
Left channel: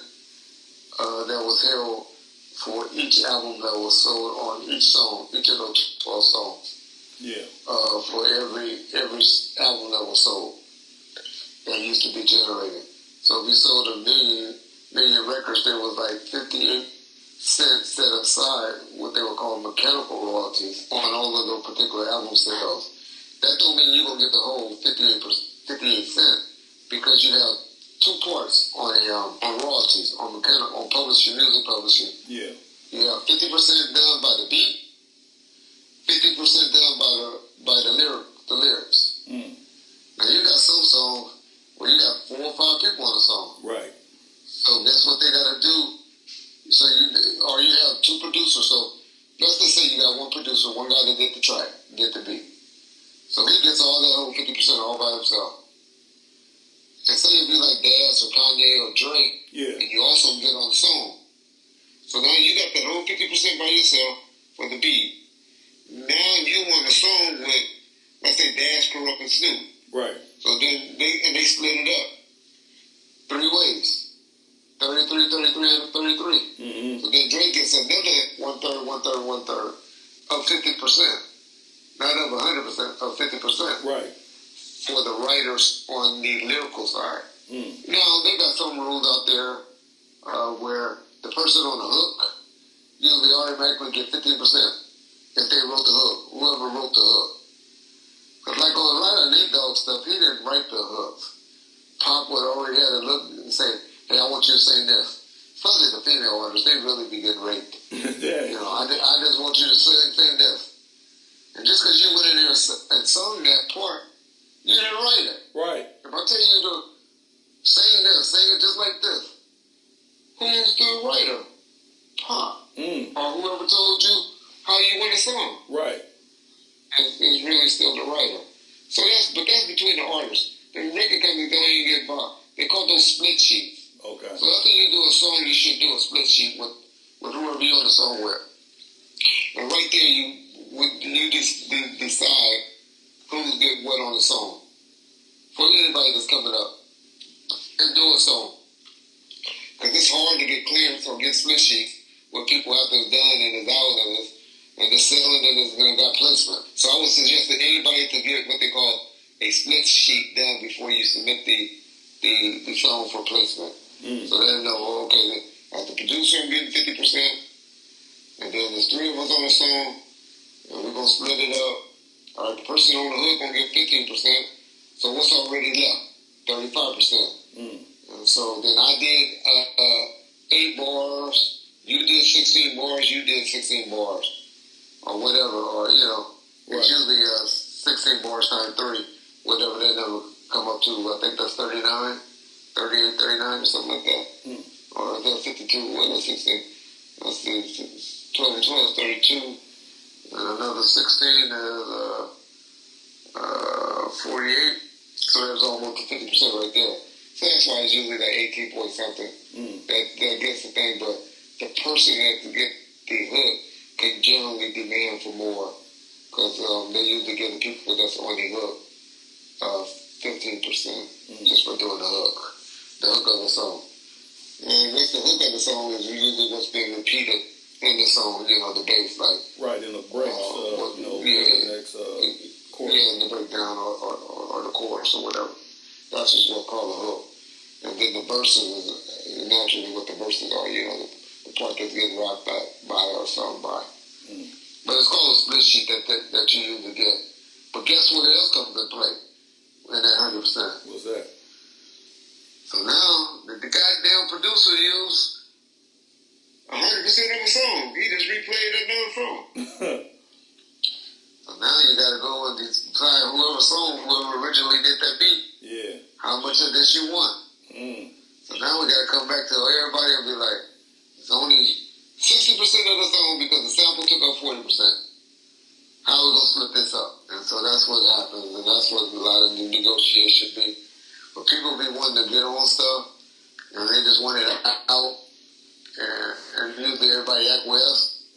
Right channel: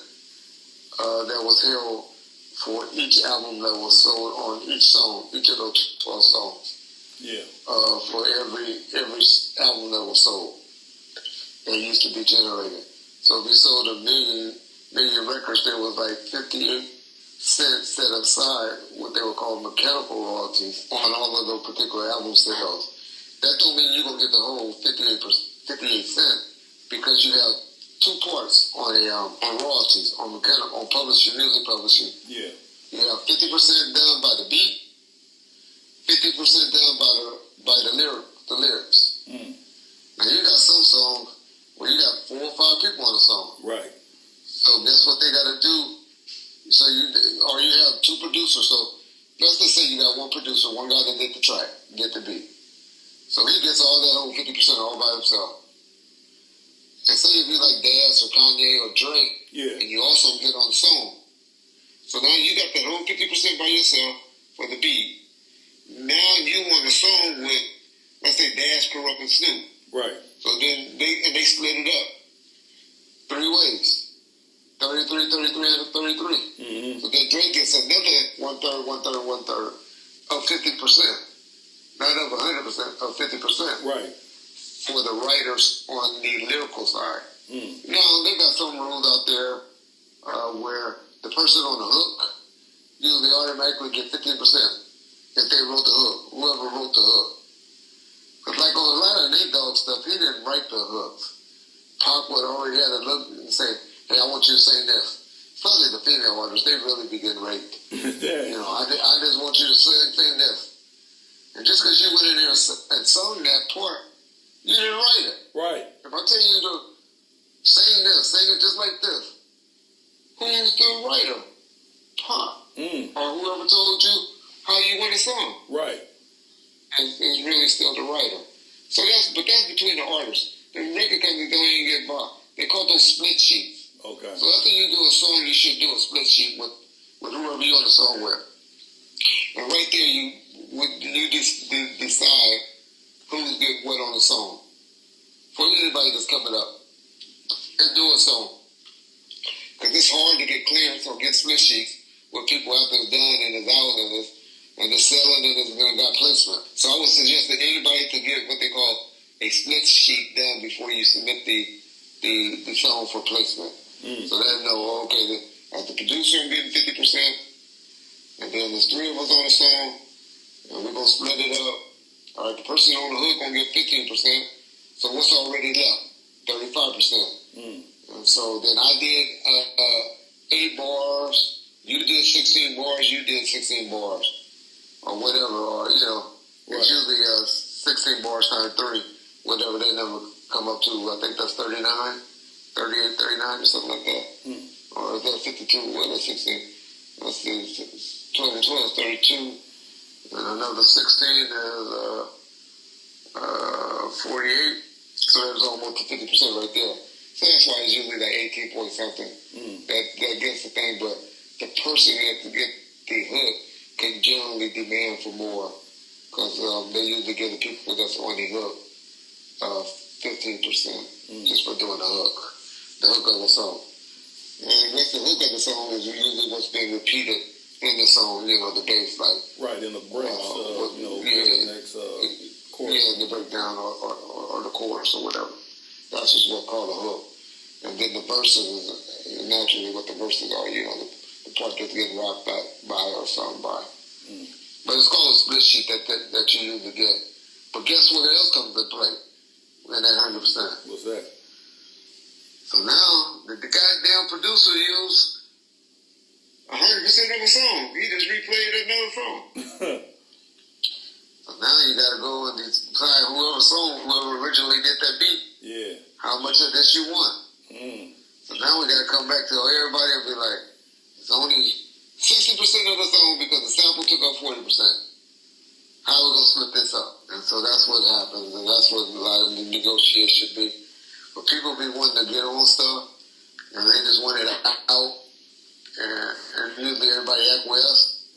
that was held for each album that was sold on each song, each of those 12 songs. Yeah. For every album that was sold, that used to be generated. So if we sold a million records, there was like 58 cents set aside, what they would call mechanical royalties on all of those particular album sales. That don't mean you're gonna get the whole 58 cents. Because you have two parts on royalties, on publishing, music publishing. Yeah. You have 50% done by the beat, 50% done by the lyrics. Now you got some songs where you got 4 or 5 people on a song. Right. So guess what they got to do? So you have 2 producers. So let's just say you got 1 producer, one guy that did the track, did the beat. So he gets all that whole 50% all by himself. And say if you like Daz or Kanye or Drake, and you also get on the song. So now you got that whole 50% by yourself for the beat. Now you on the song with, let's say, Daz, Corrupt, and Snoop. Right. So then they split it up 3 ways. 33, 33, and 33. Mm-hmm. So then Drake gets another 1/3 of 50%. Not of 100%, of 50%. Right. For the writers on the lyrical side. Now, they got some rules out there where the person on the hook, usually automatically get 15% if they wrote the hook, whoever wrote the hook. Because like on a lot of Nate Dogg stuff, he didn't write the hooks. Pac would already have to look and say, hey, I want you to sing this. Especially the female artists, they really be getting raped. Yeah. You know, I just want you to sing this. And just because you went in there and sung that part, you didn't write it. Right. If I tell you to sing this, sing it just like this, who's the writer? Pac. Or whoever told you how you want a song. Right. Is really still the writer. But that's between the artists. The record companies don't even get involved. They call those split sheets. Okay. So after you do a song, you should do a split sheet with whoever you're on the song with. And right there, you decide who's getting what on the song. For anybody that's coming up and do a song. Because it's hard to get clearance or get split sheets where people after it's done and it's out and it's selling and it's going to got placement. So I would suggest that anybody to get what they call a split sheet done before you submit the song for placement. So they know, okay, as the producer, I'm getting 50%, and then there's 3 of us on the song, and we're going to split it up. All right, the person on the hook going to get 15%, so what's already left? 35%. And so then I did 8 bars, you did 16 bars, you did 16 bars, or whatever, or, you know, it's usually 16 bars times 3, whatever that number come up to. I think that's 39, 38, 39, or something like that. Or is that 52? What is 16? Let's see, 12 and 12 is 32, and another 16 is 48, so there's almost 50% right there. So that's why it's usually like 18 point something that gets the thing, but the person that to get the hook can generally demand for more, because they usually give the people that's on the hook 15% just for doing the hook of the song. And what's the hook of the song is usually what's being repeated in the song, you know, the bass, like. Right, in the breaks, the next chorus. Yeah, in the breakdown or the chorus or whatever. That's just what's called a hook. And then the verses is naturally what the verses are, you know, the part that's getting rocked by or sung by. But it's called a split sheet that you usually get. But guess what else comes into play in that 100%? What's that? So now, the goddamn producer used 100% of a song. He just replayed another song. So now you got to go and decide whoever originally did that beat. Yeah. How much of this you want. So now we got to come back to everybody and be like, it's only 60% of the song because the sample took up 40%. How are we going to split this up? And so that's what happens, and that's what a lot of the negotiation be. But people be wanting to get on stuff, and they just want it out, and usually everybody acquiesce.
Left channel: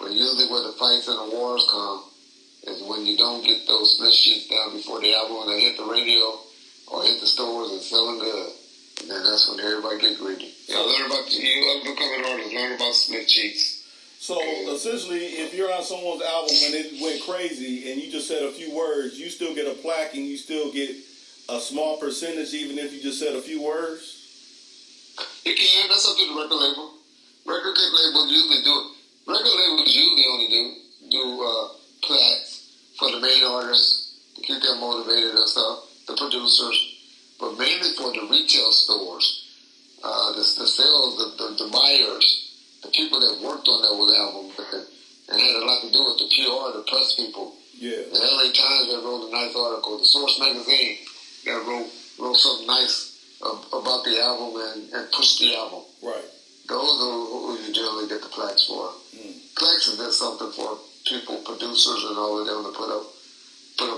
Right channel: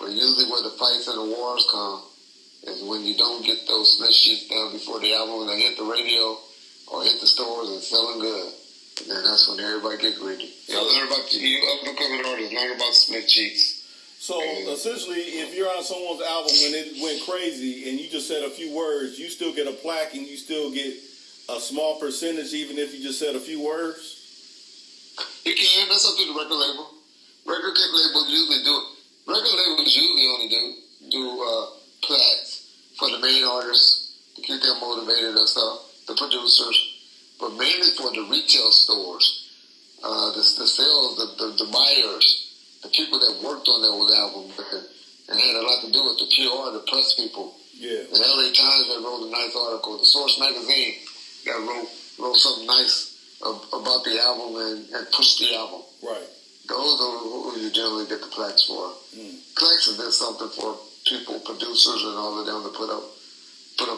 But usually where the fights and the wars come is when you don't get those split sheets down before the album, when they hit the radio or hit the stores and selling good. And then that's when everybody get greedy. Y'all learn about, you up-and-coming artists, learn about split sheets. So essentially, if you're on someone's album and it went crazy and you just said a few words, you still get a plaque and you still get a small percentage even if you just said a few words? You can. That's up to the record label. Record labels usually do it. Record labels usually only do plaques for the main artists to keep them motivated and stuff, the producers, but mainly for the retail stores, the sales, the buyers, the people that worked on those albums and had a lot to do with the PR, the press people. Yeah. The LA Times that wrote a nice article, the Source magazine that wrote something nice about the album and pushed the album. Right. Those are who you generally get the plaques for. Plaques is just something for people, producers, and all of them to put up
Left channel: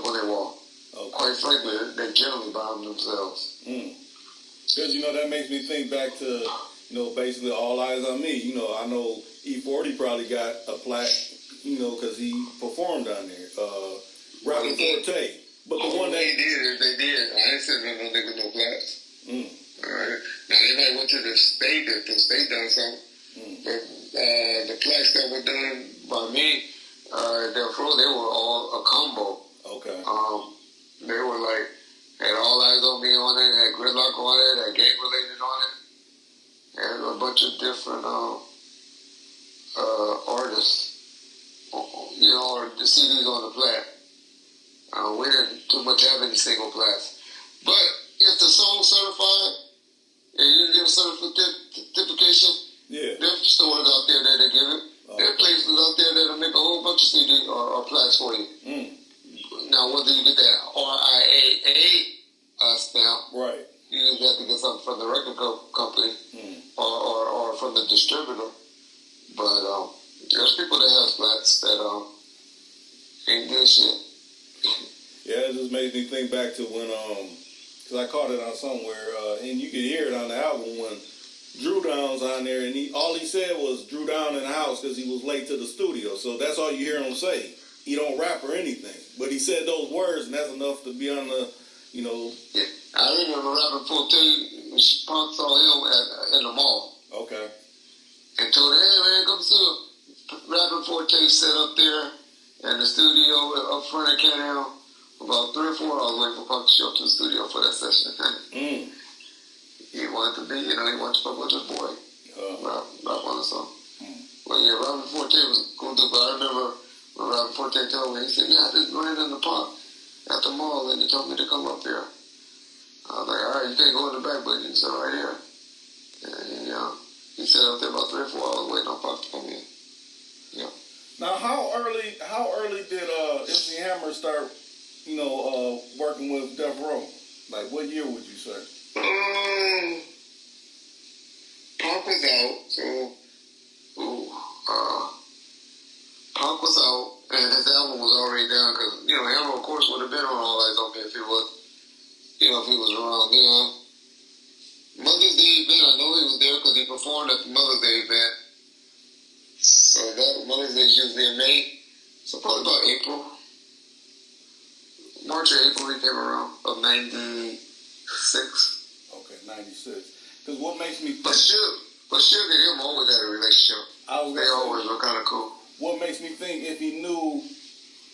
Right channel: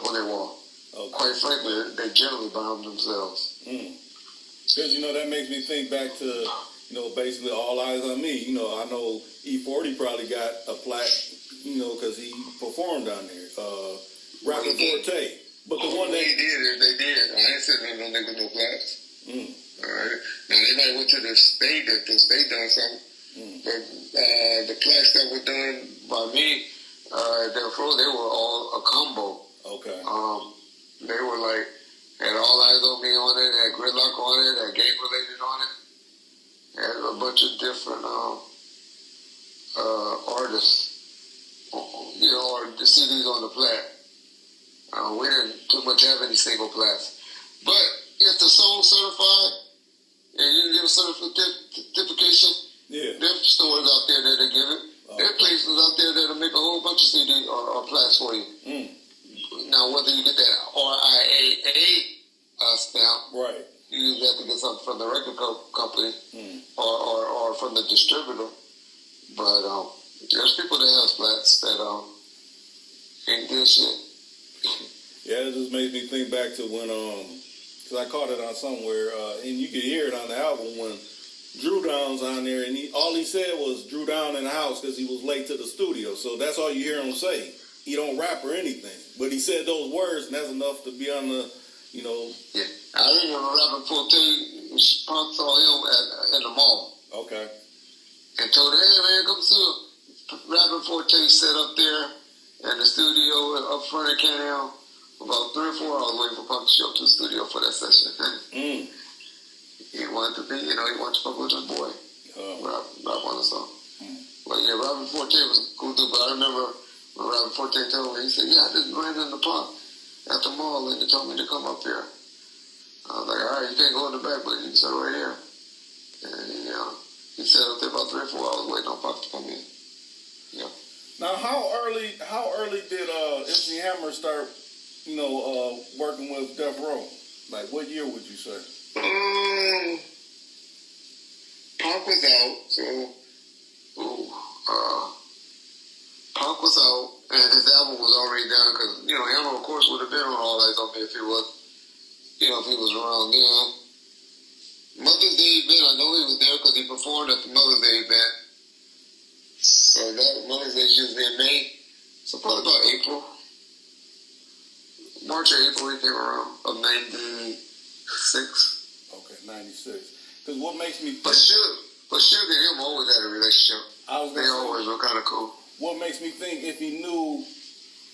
on their wall. Okay. Quite frankly, they generally buy them themselves. Because, that makes me think back to, basically All Eyes on Me. I know E40 probably got a plaque, because he performed down there. Rapping Forte. But the one they did. I ain't sitting no nigga no plaques. All right. Now, they might went to the state if the state done something. But the plaques that were done by me, therefore, they were all a combo. Okay. They were like, had All Eyes on Me on it, had Gridlock on it, had Game Related on it, had a bunch of different artists, you know, or the CDs on the plat. We didn't too much have any single plats. But if the song's certified and you can get a certification, there's stores out there that they give it. There are places out there that'll make a whole bunch of CD or plats for you. Now, whether you get that RIAA stamp, right, you usually have to get something from the record company or from the distributor. But there's people that have flats that ain't good shit. Yeah, it just made me think back to when, because I caught it on somewhere, and you could hear it on the album when Drew Down's on there, and all he said was Drew Down in the house because he was late to the studio. So that's all you hear him say. He don't rap or anything, but he said those words, and that's enough to be on the, you know. Yeah, I remember rapping 14. Punk saw him in the mall. Okay. And told him, hey man, come see rapping 14 set up there in the studio up front of Canal. About 3 or 4 hours waiting for Punk to show up to the studio for that session. He wanted to be, you know, he wanted to fuck with his boy. Rap on the song. But yeah, Robin Forte was a cool dude, but I remember when Robin Forte told me, he said, yeah, I just ran in the park at the mall and they told me to come up here. I was like, all right, you can't go in the back, but you can sit right here. And he sat up there about 3 or 4 hours waiting on Punk to come in. Yeah. Now, how early did MC Hammer start, you know, working with Death Row? Like, what year would you say? Punk was out, so Punk was out, and his album was already done, because, you know, Hammer, of course, would have been on All Eyes on Me if he was, you know, if he was around then. Mother's Day event, I know he was there because he performed at the Mother's Day event. So that Mother's Day is usually in May, so probably about April. March or April he came around, of 96. Okay, 96. Because what makes me think... But Suge and him always had a relationship. They always were kind of cool. What makes me think if he knew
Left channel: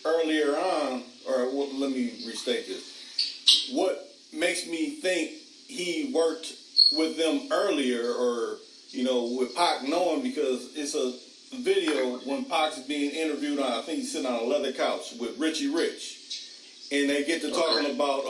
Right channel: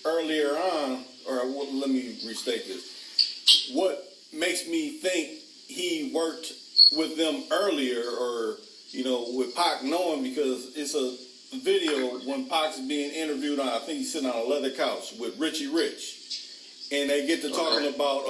earlier on, or let me restate this. What makes me think he worked with them earlier, or, you know, with Pac knowing, because it's a video when Pac's being interviewed on, I think he's sitting on a leather couch with Richie Rich. And they get to talking about,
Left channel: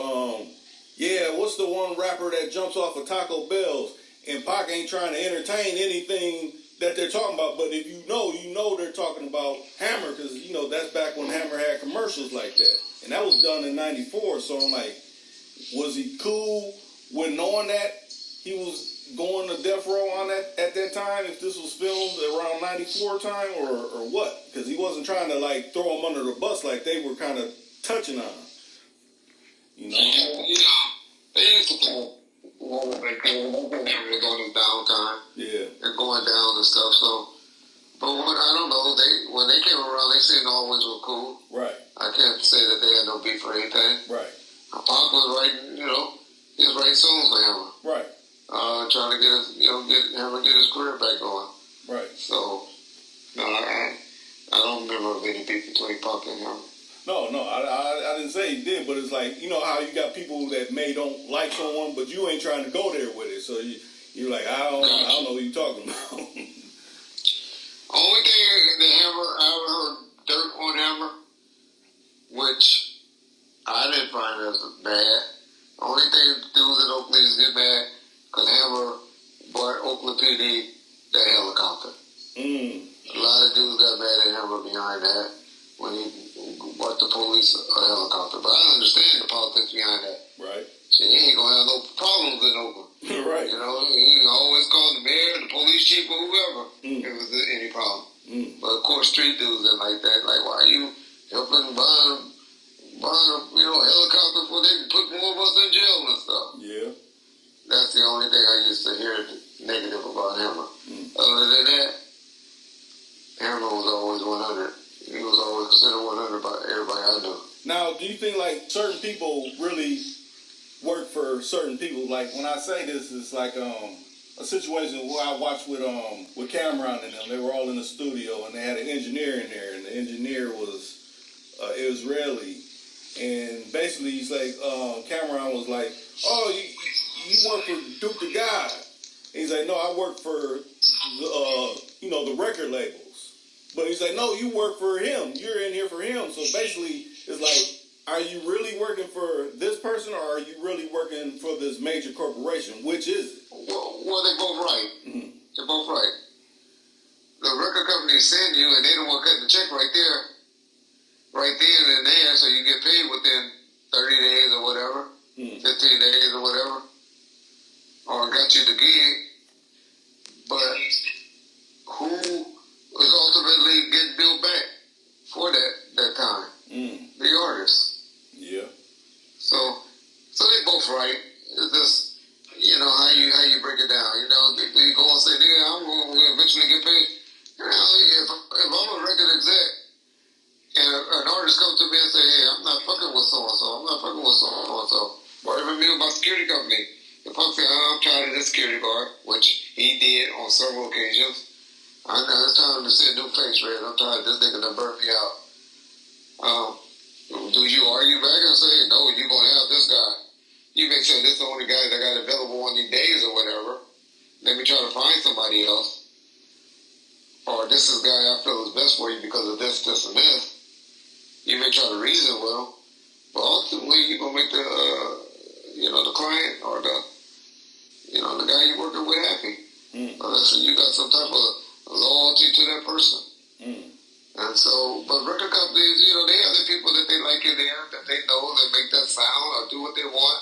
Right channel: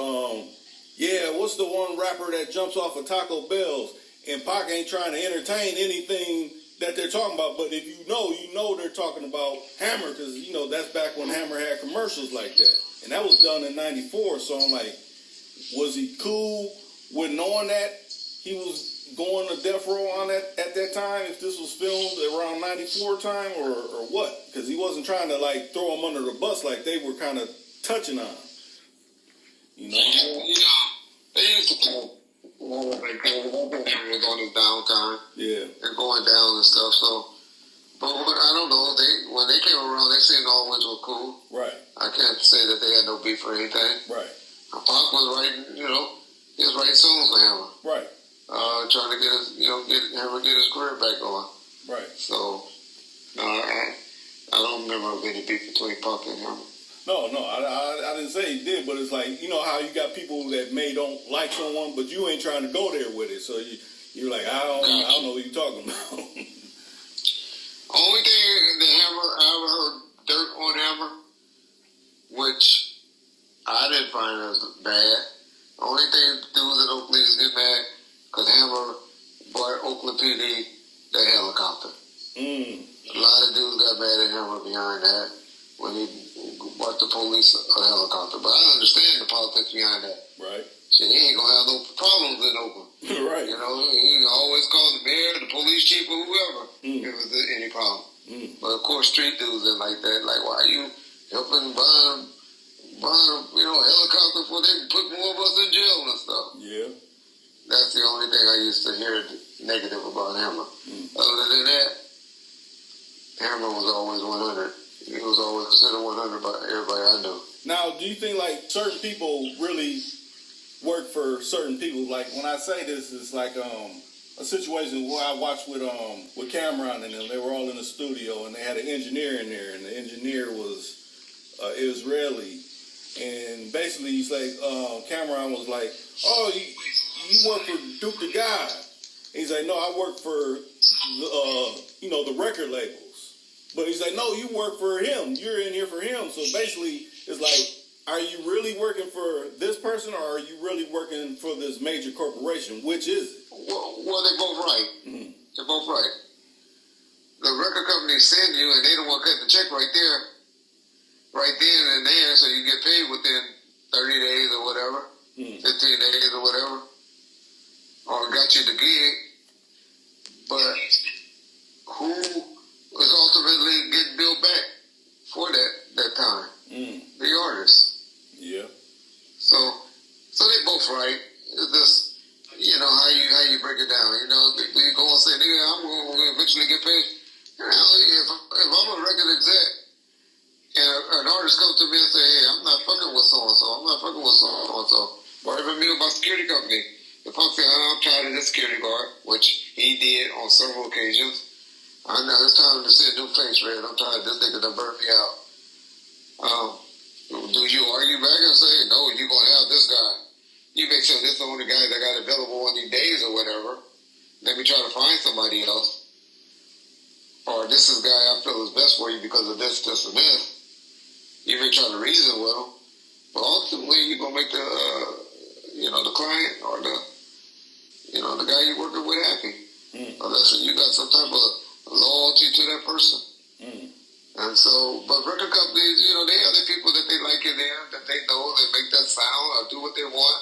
what's the one rapper that jumps off of Taco Bell's? And Pac ain't trying to entertain anything that they're talking about. But if you know they're talking about Hammer, because, you know, that's back when Hammer had commercials like that. And that was done in 94. So I'm like, was he cool with knowing that he was going to Death Row on that at that time, if this was filmed around 94 time, or what? Because he wasn't trying to, like, throw him under the bus like they were kind of touching on. You know? They used to call like Hammer was on his downtime. Yeah. And going down and stuff, so. But I don't know, when they came around, they seemed always were cool. Right. I can't say that they had no beef or anything. Right. Pac was writing, you know, he was writing songs for Hammer. Right. Trying to get his career back on. Right. So, no, I don't remember of any beef between Pac and Hammer. No, I didn't say he did, but it's like, you know how you got people that don't like someone, but you ain't trying to go there with it. So you're like, I don't know what you're talking about. Only thing that I ever heard dirt on Hammer, which I didn't find as bad. Only thing dudes in Oakland is get mad because Hammer bought Oakland PD that helicopter. A lot of dudes got mad at Hammer behind that when he bought the police a helicopter. But I understand the politics behind that. Right. Shit, he ain't gonna have no problems in Oakland. Right. You know, he always called the mayor, the police chief, or whoever if it was any problem. But of course, street dudes and like that, like, why are you helping buying helicopter before they can put more of us in jail and stuff? Yeah. That's the only thing I used to hear negative about Hammer. Other than that, Hammer was always 100. He was always considered 100 by everybody I knew. Now, do you think, like, certain people really work for certain people? Like, when I say this, it's like a situation where I watched with Cameron and them. They were all in the studio, and they had an engineer in there, and the engineer was Israeli. And basically, he's like, Cameron was like, oh, you work for Duke the God. And he's like, no, I work for the record labels. But he's like, no, you work for him. You're in here for him. So basically, it's like, are you really working for this person, or are you really working for this major corporation? Which is it? Well, they're both right. Mm-hmm. They're both right. The record company send you, and they the one cutting the check right there, right then and there, so you get paid within 30 days or whatever, 15 days or whatever, or got you the gig. But who is ultimately getting billed back for that time? The artist. Yeah. So they both right. It's just, how you break it down. You go and say, nigga, I'm going to eventually get paid. If I'm a record exec and an artist comes to me and say, hey, I'm not fucking with so-and-so, I'm not fucking with so-and-so, or even me with my security company, the punk say, I'm tired of this security guard, which he did on several occasions. I know it's time to see a new face, Red. I'm tired of this nigga that burned me out. Do you argue back and say, no, you're going to have this guy? You make sure this is the only guy that got available on these days or whatever. Let me try to find somebody else. Or this is the guy I feel is best for you because of this, this, and this. You may try to reason with him, but ultimately you're going to make the, the client or the guy you're working with happy. Unless you got some type of loyalty to that person. And so, but record companies, they have the people that they like in there, that they know that make that sound or do what they want,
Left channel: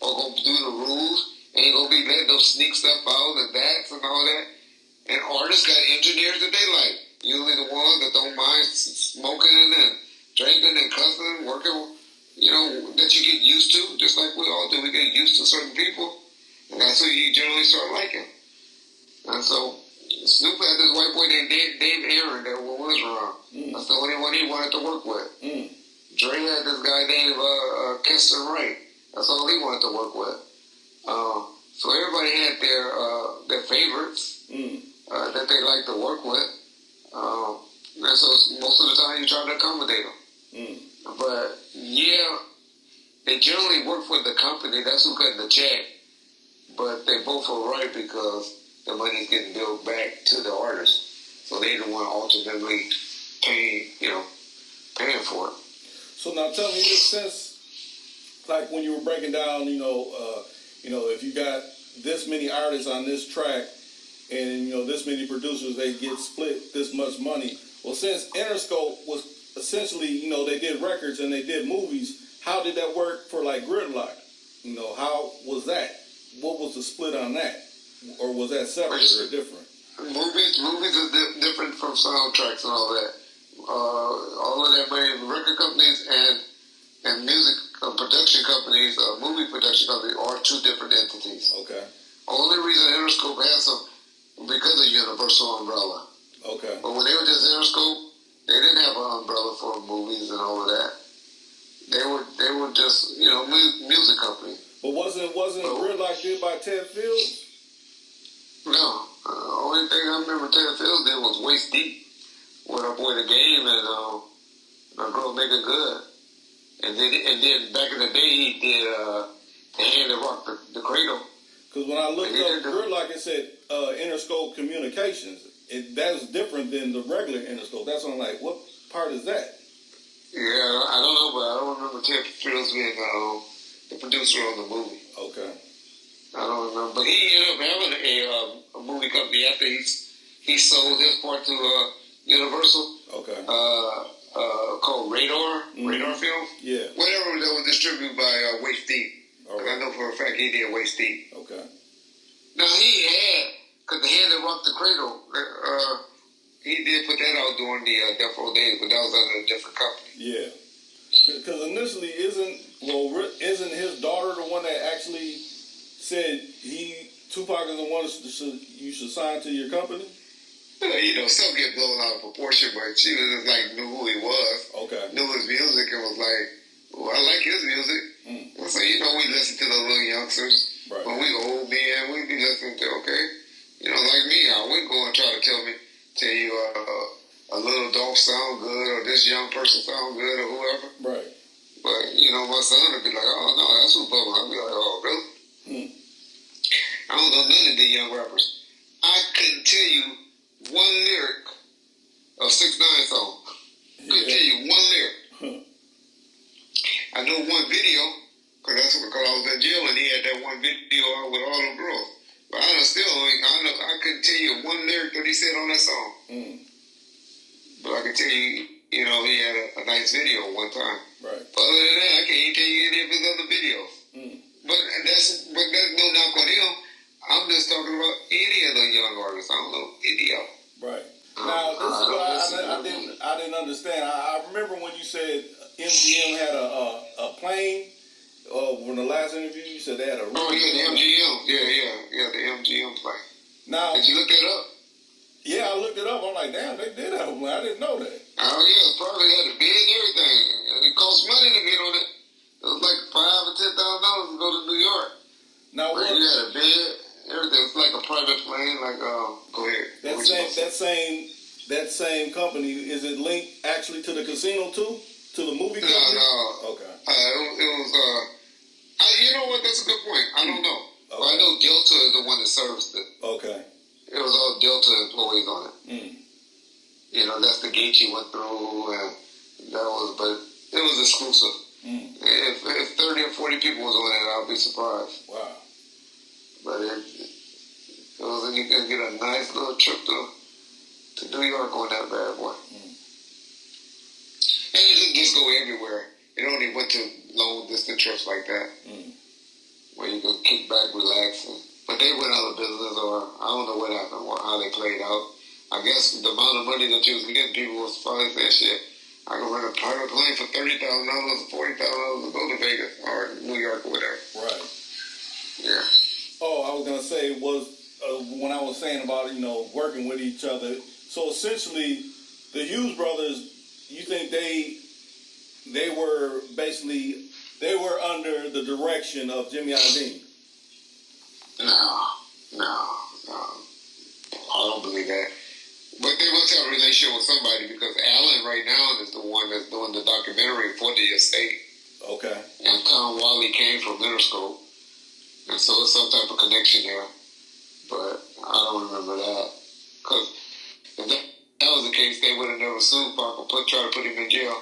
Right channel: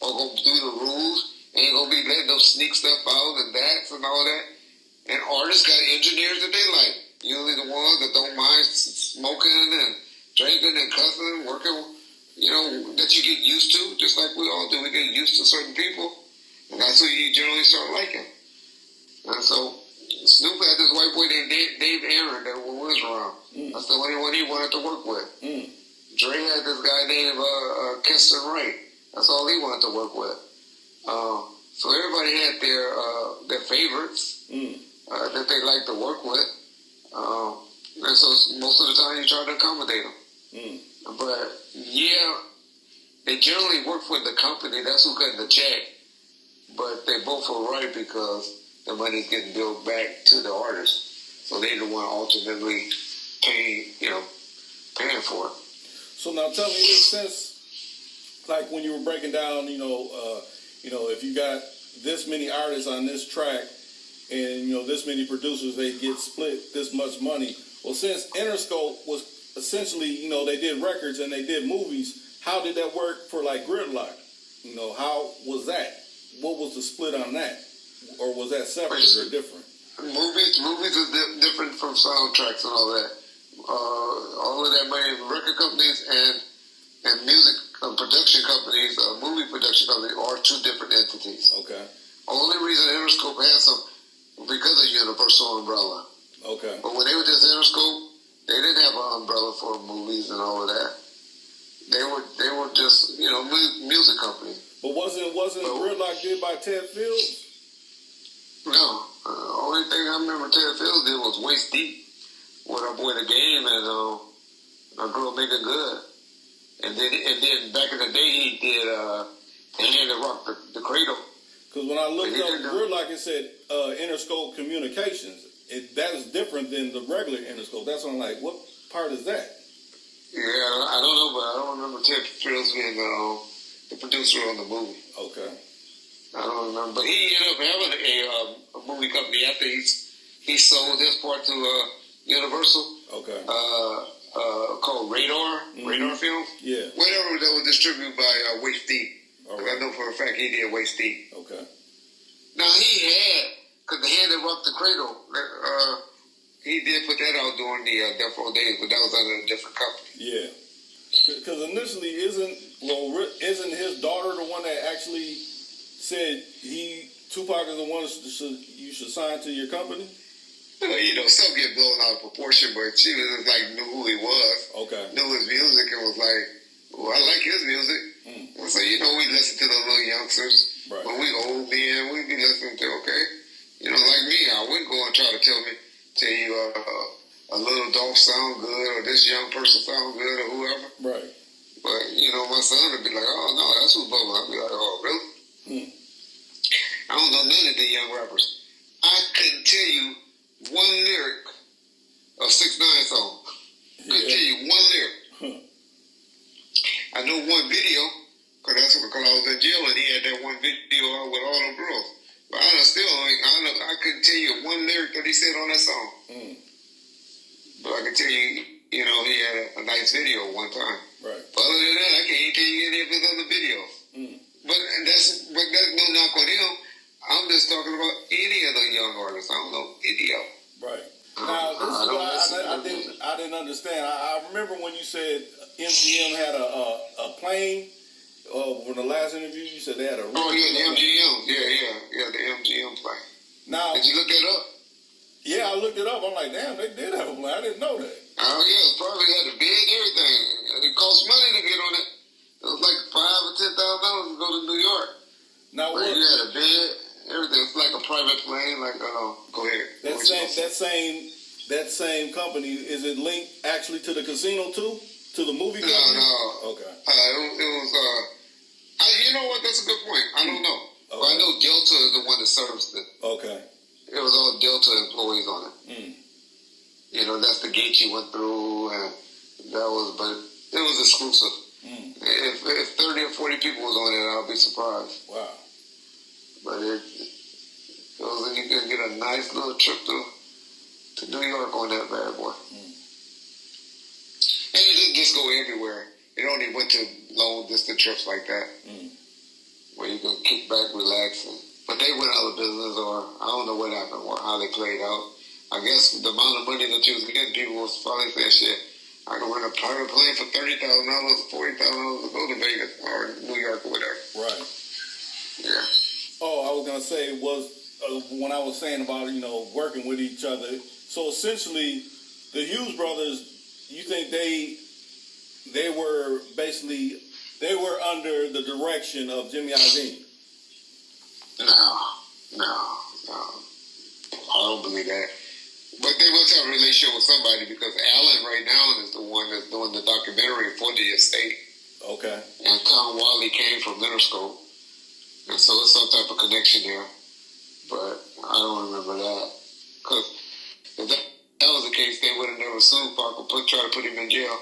or go do the rules, ain't gonna be letting them sneak stuff out and that and all that. And artists got engineers that they like. Usually the ones that don't mind smoking and drinking and cussing, working, that you get used to, just like we all do. We get used to certain people, and that's who you generally start liking. And so, Snoop had this white boy named Dave Aaron that was around. That's the only one he wanted to work with. Dre had this guy named Keston Wright. That's all he wanted to work with. So everybody had their favorites that they like to work with. And so most of the time you try to accommodate them. But yeah, they generally work for the company. That's who cutting the check. But they both are right because the money's getting billed back to the artist. So they're the one ultimately paying for it. So now tell me this, since, like when you were breaking down, if you got this many artists on this track and, this many producers, they get split this much money. Well, since Interscope was essentially, they did records and they did movies, how did that work for like Gridlock? How was that? What was the split on that? Or was that separate or different? Movies are different from soundtracks and all that. All of that money, record companies and music production companies, movie production companies are two different entities. Okay. Only reason Interscope had some because of Universal umbrella. Okay. But when they were just Interscope, they didn't have an umbrella for movies and all of that. They were just music companies. But wasn't Gridlock did by Ted Fields? No. The only thing I remember Ted Fields did was Waist Deep with our boy The Game and our girl Making Good. And then back in the day he did The Hand That Rocked the Cradle. Because when I looked up Gridlock, it said Interscope Communications. That was different than the regular Interscope. That's why I'm like, what part is that? Yeah, I don't know, but I don't remember Ted Fields being the producer on the movie. Okay. I don't remember, but he ended up having a movie company after he sold his part to Universal. Okay. Called Radar, Radar Film. Yeah. Whatever that was distributed by Waist Deep. Right. I know for a fact he did Waist Deep. Okay. Now he had, because The Hand That Rocked the Cradle, he did put that out during the Death Row days, but that was under a different company. Yeah. Because initially, isn't his daughter the one that actually said Tupac is the one you should sign to your company? Stuff get blown out of proportion, but she was just like knew who he was. Okay. Knew his music and was like, well, I like his music. And so, we listen to the little youngsters. Right. When we old men, we be listening to, okay. Like me, I wouldn't go and try to tell you a little Dolph sound good or this young person sound good or whoever. Right. But, my son would be like, oh, no, that's who Bubba. I'd be like, oh, really? I don't know none of the young rappers. I couldn't tell you one lyric a 6ix9ine song. Couldn't tell you one lyric. I know one video, because I was in jail and he had that one video out with all them girls. But I couldn't tell you one lyric that he said on that song. But I can tell you, he had a nice video one time. Right. But other than that, I can't even tell you any of his other videos. But that's no knock on him. I'm just talking about any of the young artists. I don't know any of them. Right. Now, this is what I didn't understand. I remember when you said MGM had a plane. When the last interview, you said they had a. Oh yeah, the MGM. Yeah, the MGM plane. Now, did you look that up? Yeah, I looked it up. I'm like, damn, they did have a plane. I didn't know that. Oh yeah, it probably had a bed and everything. It cost money to get on it. It was like $5,000 or $10,000 to go to New York. Now, but you had a bed, everything. It's like a private plane. Like, go ahead. That same company, is it linked actually to the casino too? To the movie company? No. Okay. It was. You know what? That's a good point. I don't know. Okay. But I know Delta is the one that serviced it. Okay. It was all Delta employees on it. That's the gate you went through, and but it was exclusive. If 30 or 40 people was on it, I'll be surprised. Wow. But it was, you could get a nice little trip to New York on that bad boy. And it didn't just go everywhere. It only went to long distance trips like that, where you can kick back, relax. But they went out of business, or I don't know what happened, or how they played out. I guess the amount of money that you was getting, people was probably saying, shit, I can rent a private plane for $30,000 or $40,000 to go to Vegas or New York or whatever. Right. Yeah. Oh, I was going to say, when I was saying about, working with each other, so essentially, the Hughes brothers, you think they were under the direction of Jimmy Iovine? No. I don't believe that. But they must have a relationship with somebody, because Alan right now is the one that's doing the documentary for the estate. Okay. And Tom Wally came from Interscope. And so it's some type of connection there. But I don't remember that. Because if that was the case, they would have never sued Parker, try to put him in jail.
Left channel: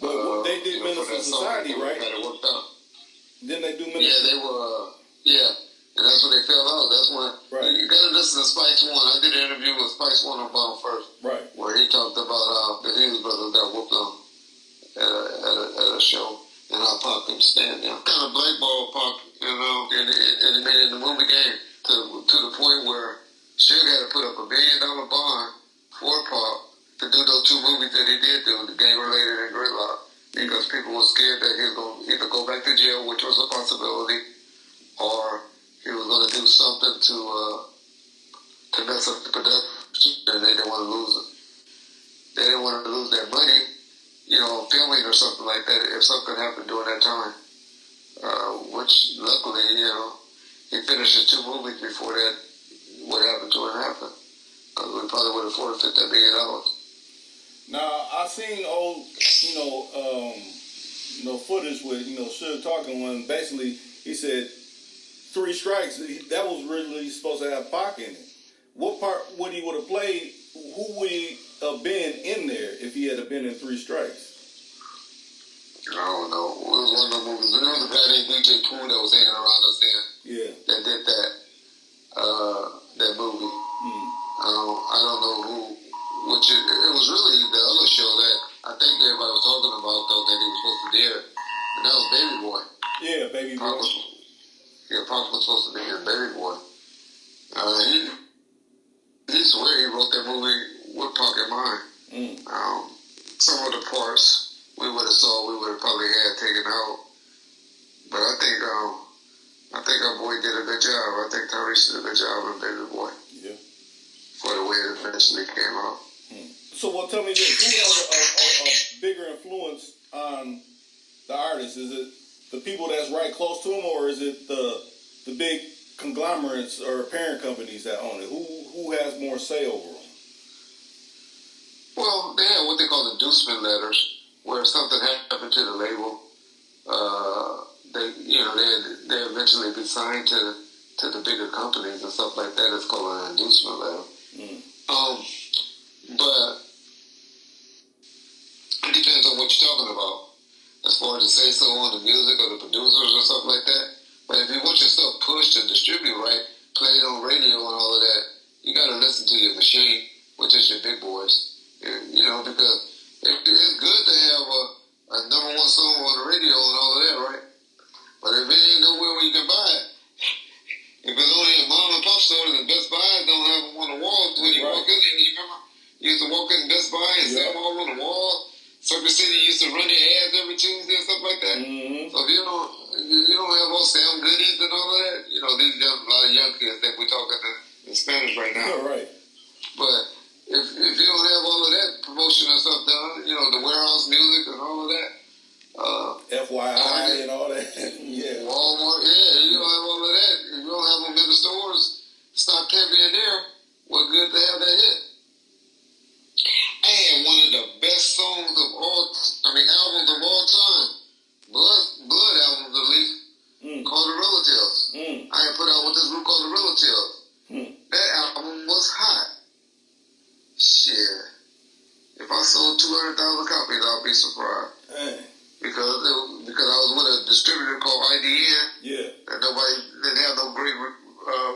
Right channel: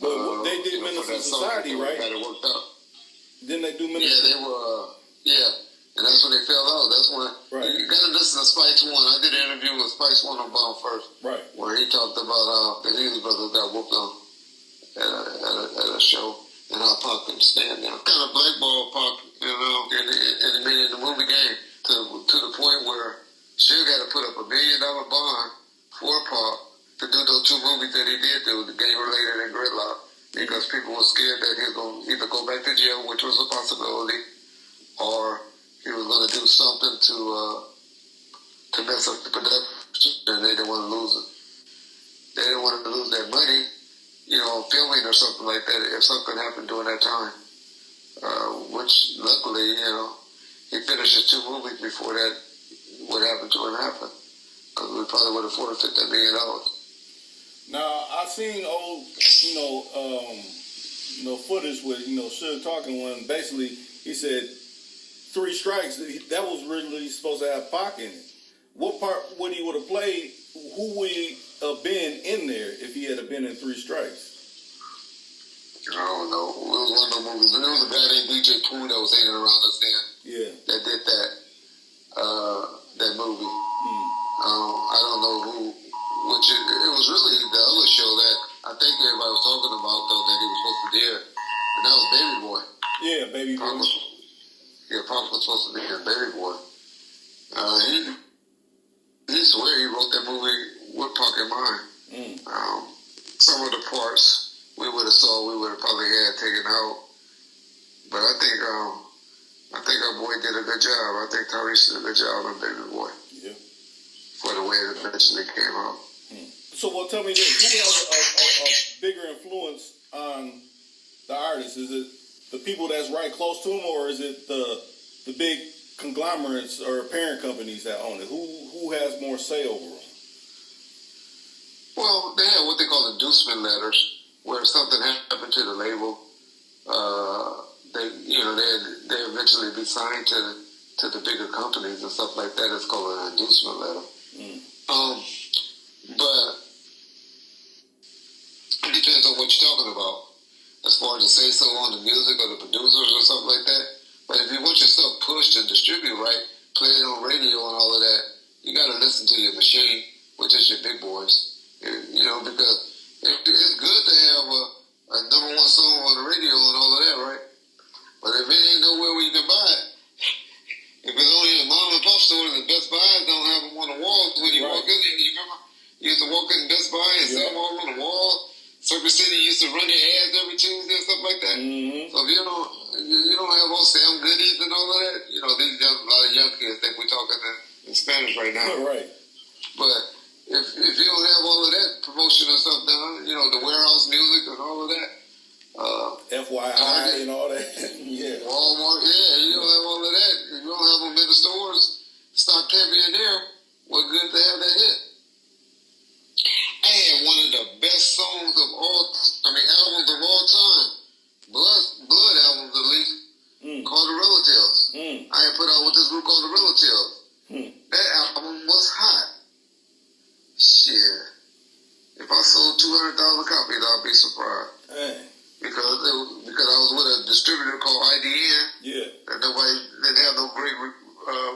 But they did Minister Society, right? Got it worked out. Didn't they do Minister? Yeah, they were, And that's when they fell out. That's when you got to listen to Spice One. I did an interview with Spice One on Bound First, right? Where he talked about how the Hughes brothers got whooped on at a show, and how Pac couldn't stand them. Kind of blackballed Pac, in the movie game to the point where Suge had to put up $1 million bond for Pac to do those 2 movies that he did do, The Gang Related and Gridlock, because people were scared that he was going to either go back to jail, which was a possibility, or he was going to do something to mess up the production, and they didn't want to lose it. They didn't want to lose that money, filming or something like that, if something happened during that time. Which, luckily, he finished his 2 movies before that, what happened to him happened. Because we probably would have forfeited that $1 million. Now, I seen old, footage with, Suge talking when basically he said 3 strikes. That was really supposed to have Pac in it. What part would he would have played? Who would he have been in there if he had been in 3 strikes? I don't know. It was one of the movies. There was a guy named DJ Pooh that was hanging around us then. Yeah. That did that movie. I don't know who. It was really the other show that I think everybody was talking about, though, that he was supposed to do. And that was Baby Boy. Yeah, Baby Boy. Pac was supposed to be in Baby Boy. He swear he wrote that movie with Pac in mind. Some of the parts we would have probably had taken out. But I think our boy did a good job. I think Tyrese did a good job in Baby Boy. Yeah. For the way it eventually came out. So, tell me this. Who has a bigger influence on the artist? Is it the people that's right close to him, or is it the big conglomerates or parent companies that own it? Who has more say over them? Well, they have what they call inducement letters, where if something happened to the label, they eventually be signed to the bigger companies and stuff like that. It's called an inducement letter. But It depends on what you're talking about, as far as the say so on the music or the producers or something like that. But if you want your stuff pushed and distributed right, played on radio and all of that, you got to listen to your machine, which is your big boys. You know, because it's good to have a number one song on the radio and all of that, right? But if it ain't nowhere where you can buy it, if it's only a mom and pop store, the Best Buys don't have them on the walls when you walk in there. You remember? You used to walk in Best Buy and see them all on the wall. Circuit City used to run their ads every Tuesday and stuff like that. So if you don't have all Sam Goodies and all of that, you know, a lot of young kids think we're talking in Spanish right now. Right. But if you don't have all of that promotion and stuff done, you know, the warehouse music and all of that, FYI Target, and all that. Yeah. Walmart, you don't have all of that. If you don't have them in the stores, stocked heavy in there, what good to have that hit? I had one of the best songs of albums of all time, blood albums at least, called The Relatives. I had put out with this group called The Relatives. That album was hot. Shit. If I sold 200,000 copies, I'll be surprised. Hey. Because I was with a distributor called IDN. Yeah. And nobody didn't have no great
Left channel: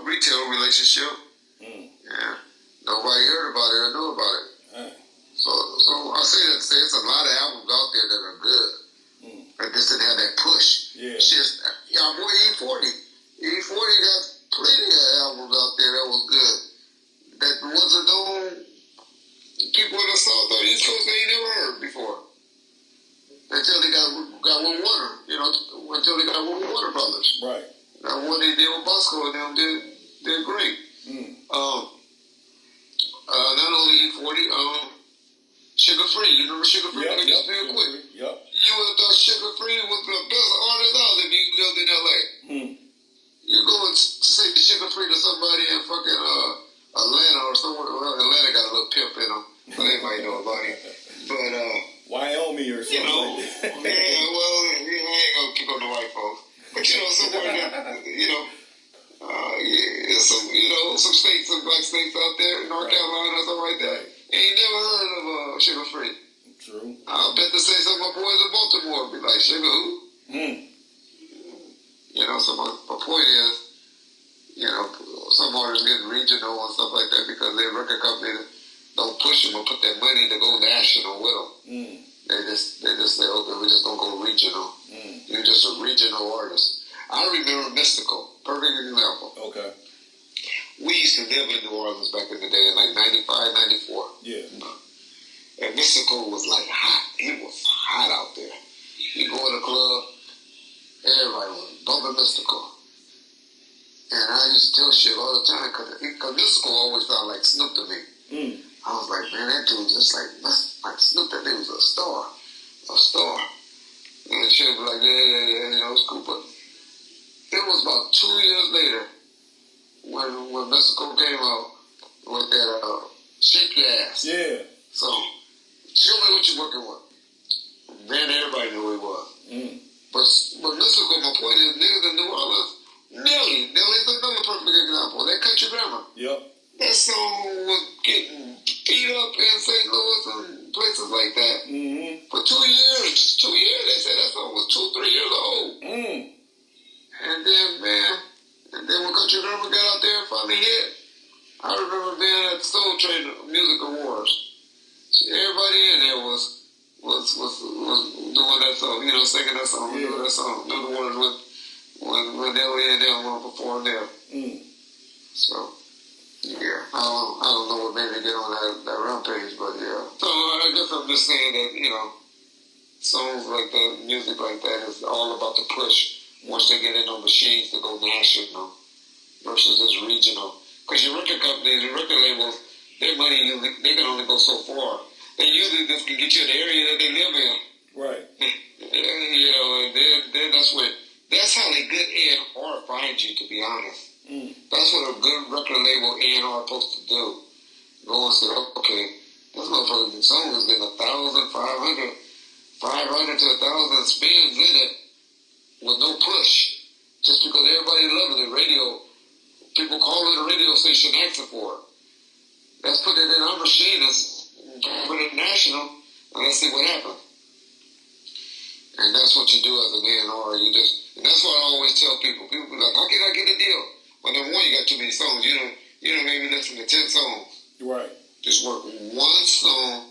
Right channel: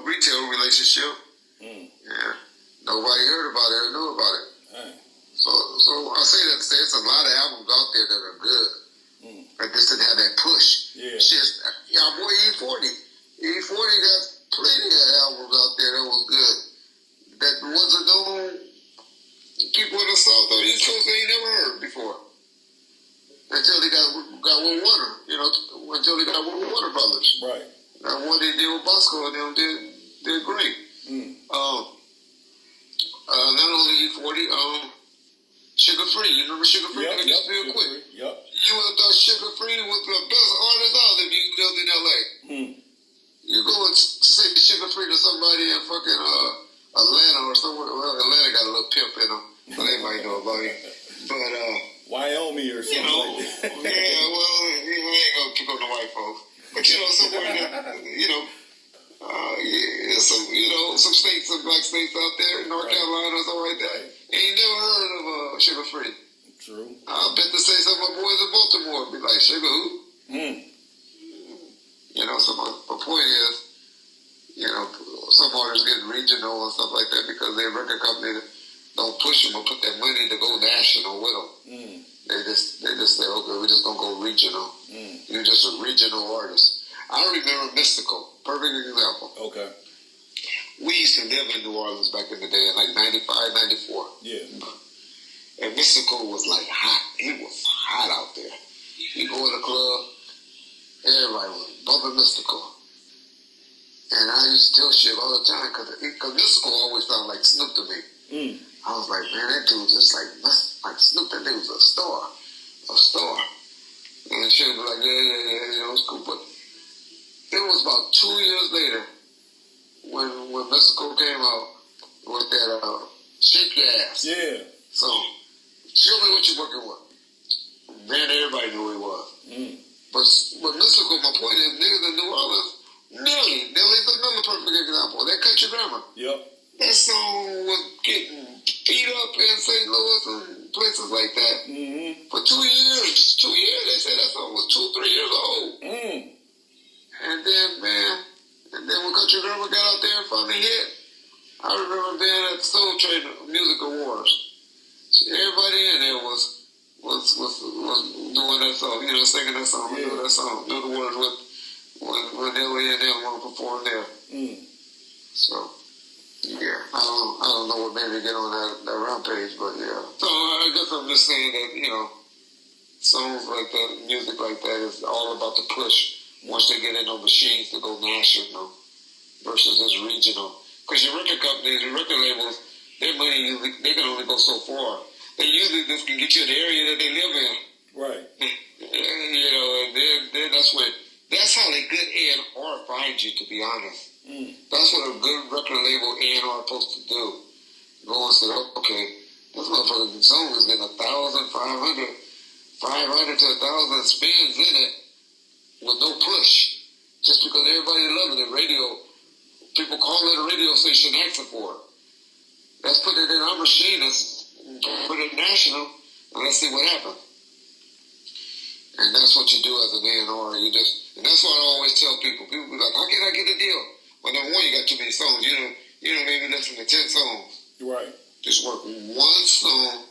retail relationship. Yeah. Nobody heard about it or knew about it. Hey. So I say that to say it's a lot of albums out there that are good. That just didn't have that push. Yeah. Shit, our boy E40. E40 got plenty of albums out there that was good. That wasn't known. People in the South or the East Coast they ain't never heard before. Until they got with Warner, you know, until they got with Warner Brothers. Right. Now what they did with Bosco and them did great. Not only E40, Sugar Free. You remember Sugar Free? Yep, Just real quick. Yep. You would have thought Sugar Free was the best artist out if you lived in LA. You go and say Sugar Free to somebody in fucking Atlanta or somewhere. Well, Atlanta got a little pimp in them, so they might know about him. But Wyoming or something like that. I ain't gonna pick on the white folks. But you know, somewhere that some states, some black states out there, North Carolina or something like that. Ain't never heard of Sugar Free. True. I'll bet to say some of my boys in Baltimore be like, Sugar who? You know, so my point is, you know, some artists get regional and stuff like that because their record company don't push them or put their money to go national with them. They just say, okay, we're just gonna go regional. You're just a regional artist. I remember Mystical, perfect example. Okay. We used to live in New Orleans back in the day in like 95, 94. Yeah. And Mystical was like hot. It was hot out there. You go in the club, everybody was bumping Mystical. And I used to tell shit all the time because Mystical always sounded like Snoop to me. I was like, man, that dude just like Snoop. That dude was a star. And she would be like, yeah, you know, it's cool. But it was about 2 years later when Mystical came out with that Shake Your Ass. Yeah. So, show me what you're working with. Man, everybody knew who he was. But Mystical, my point is, niggas in New Orleans, Nelly's another perfect example. That country grammar. Yep. That song was getting beat up in St. Louis and places like that. For 2 years. 2 years, they said that song was 2-3 years old. And then when Country Grammar got out there and finally hit, I remember being at the Soul Train Music Awards. Everybody in there was doing that song, you know, singing that song, doing that song, knew the words with when Nelly and them want to perform there. So, yeah, I don't know what made me get on that rampage, but yeah. So I guess I'm just saying that, you know, songs like that, music like that is all about the push once they get in on machines to go national versus just regional. Because your record companies, your record labels, their money, they can only go so far. They usually just can get you in the area that they live in. Right. You know, and then that's how they good A&R find you, to be honest. That's what a good record label A&R is supposed to do. Go and say, okay, this motherfucking song has been 1,500 to 1,000 spins in it with no push. Just because everybody loving it. Radio, people calling the radio station asking for it. Let's put it in our machine and put it national and let's see what happens. And that's what you do as an A&R. And that's what I always tell people. People be like, how can I get a deal? Well, number one, you got too many songs. You don't maybe listen to 10 songs. Right. Just work one song,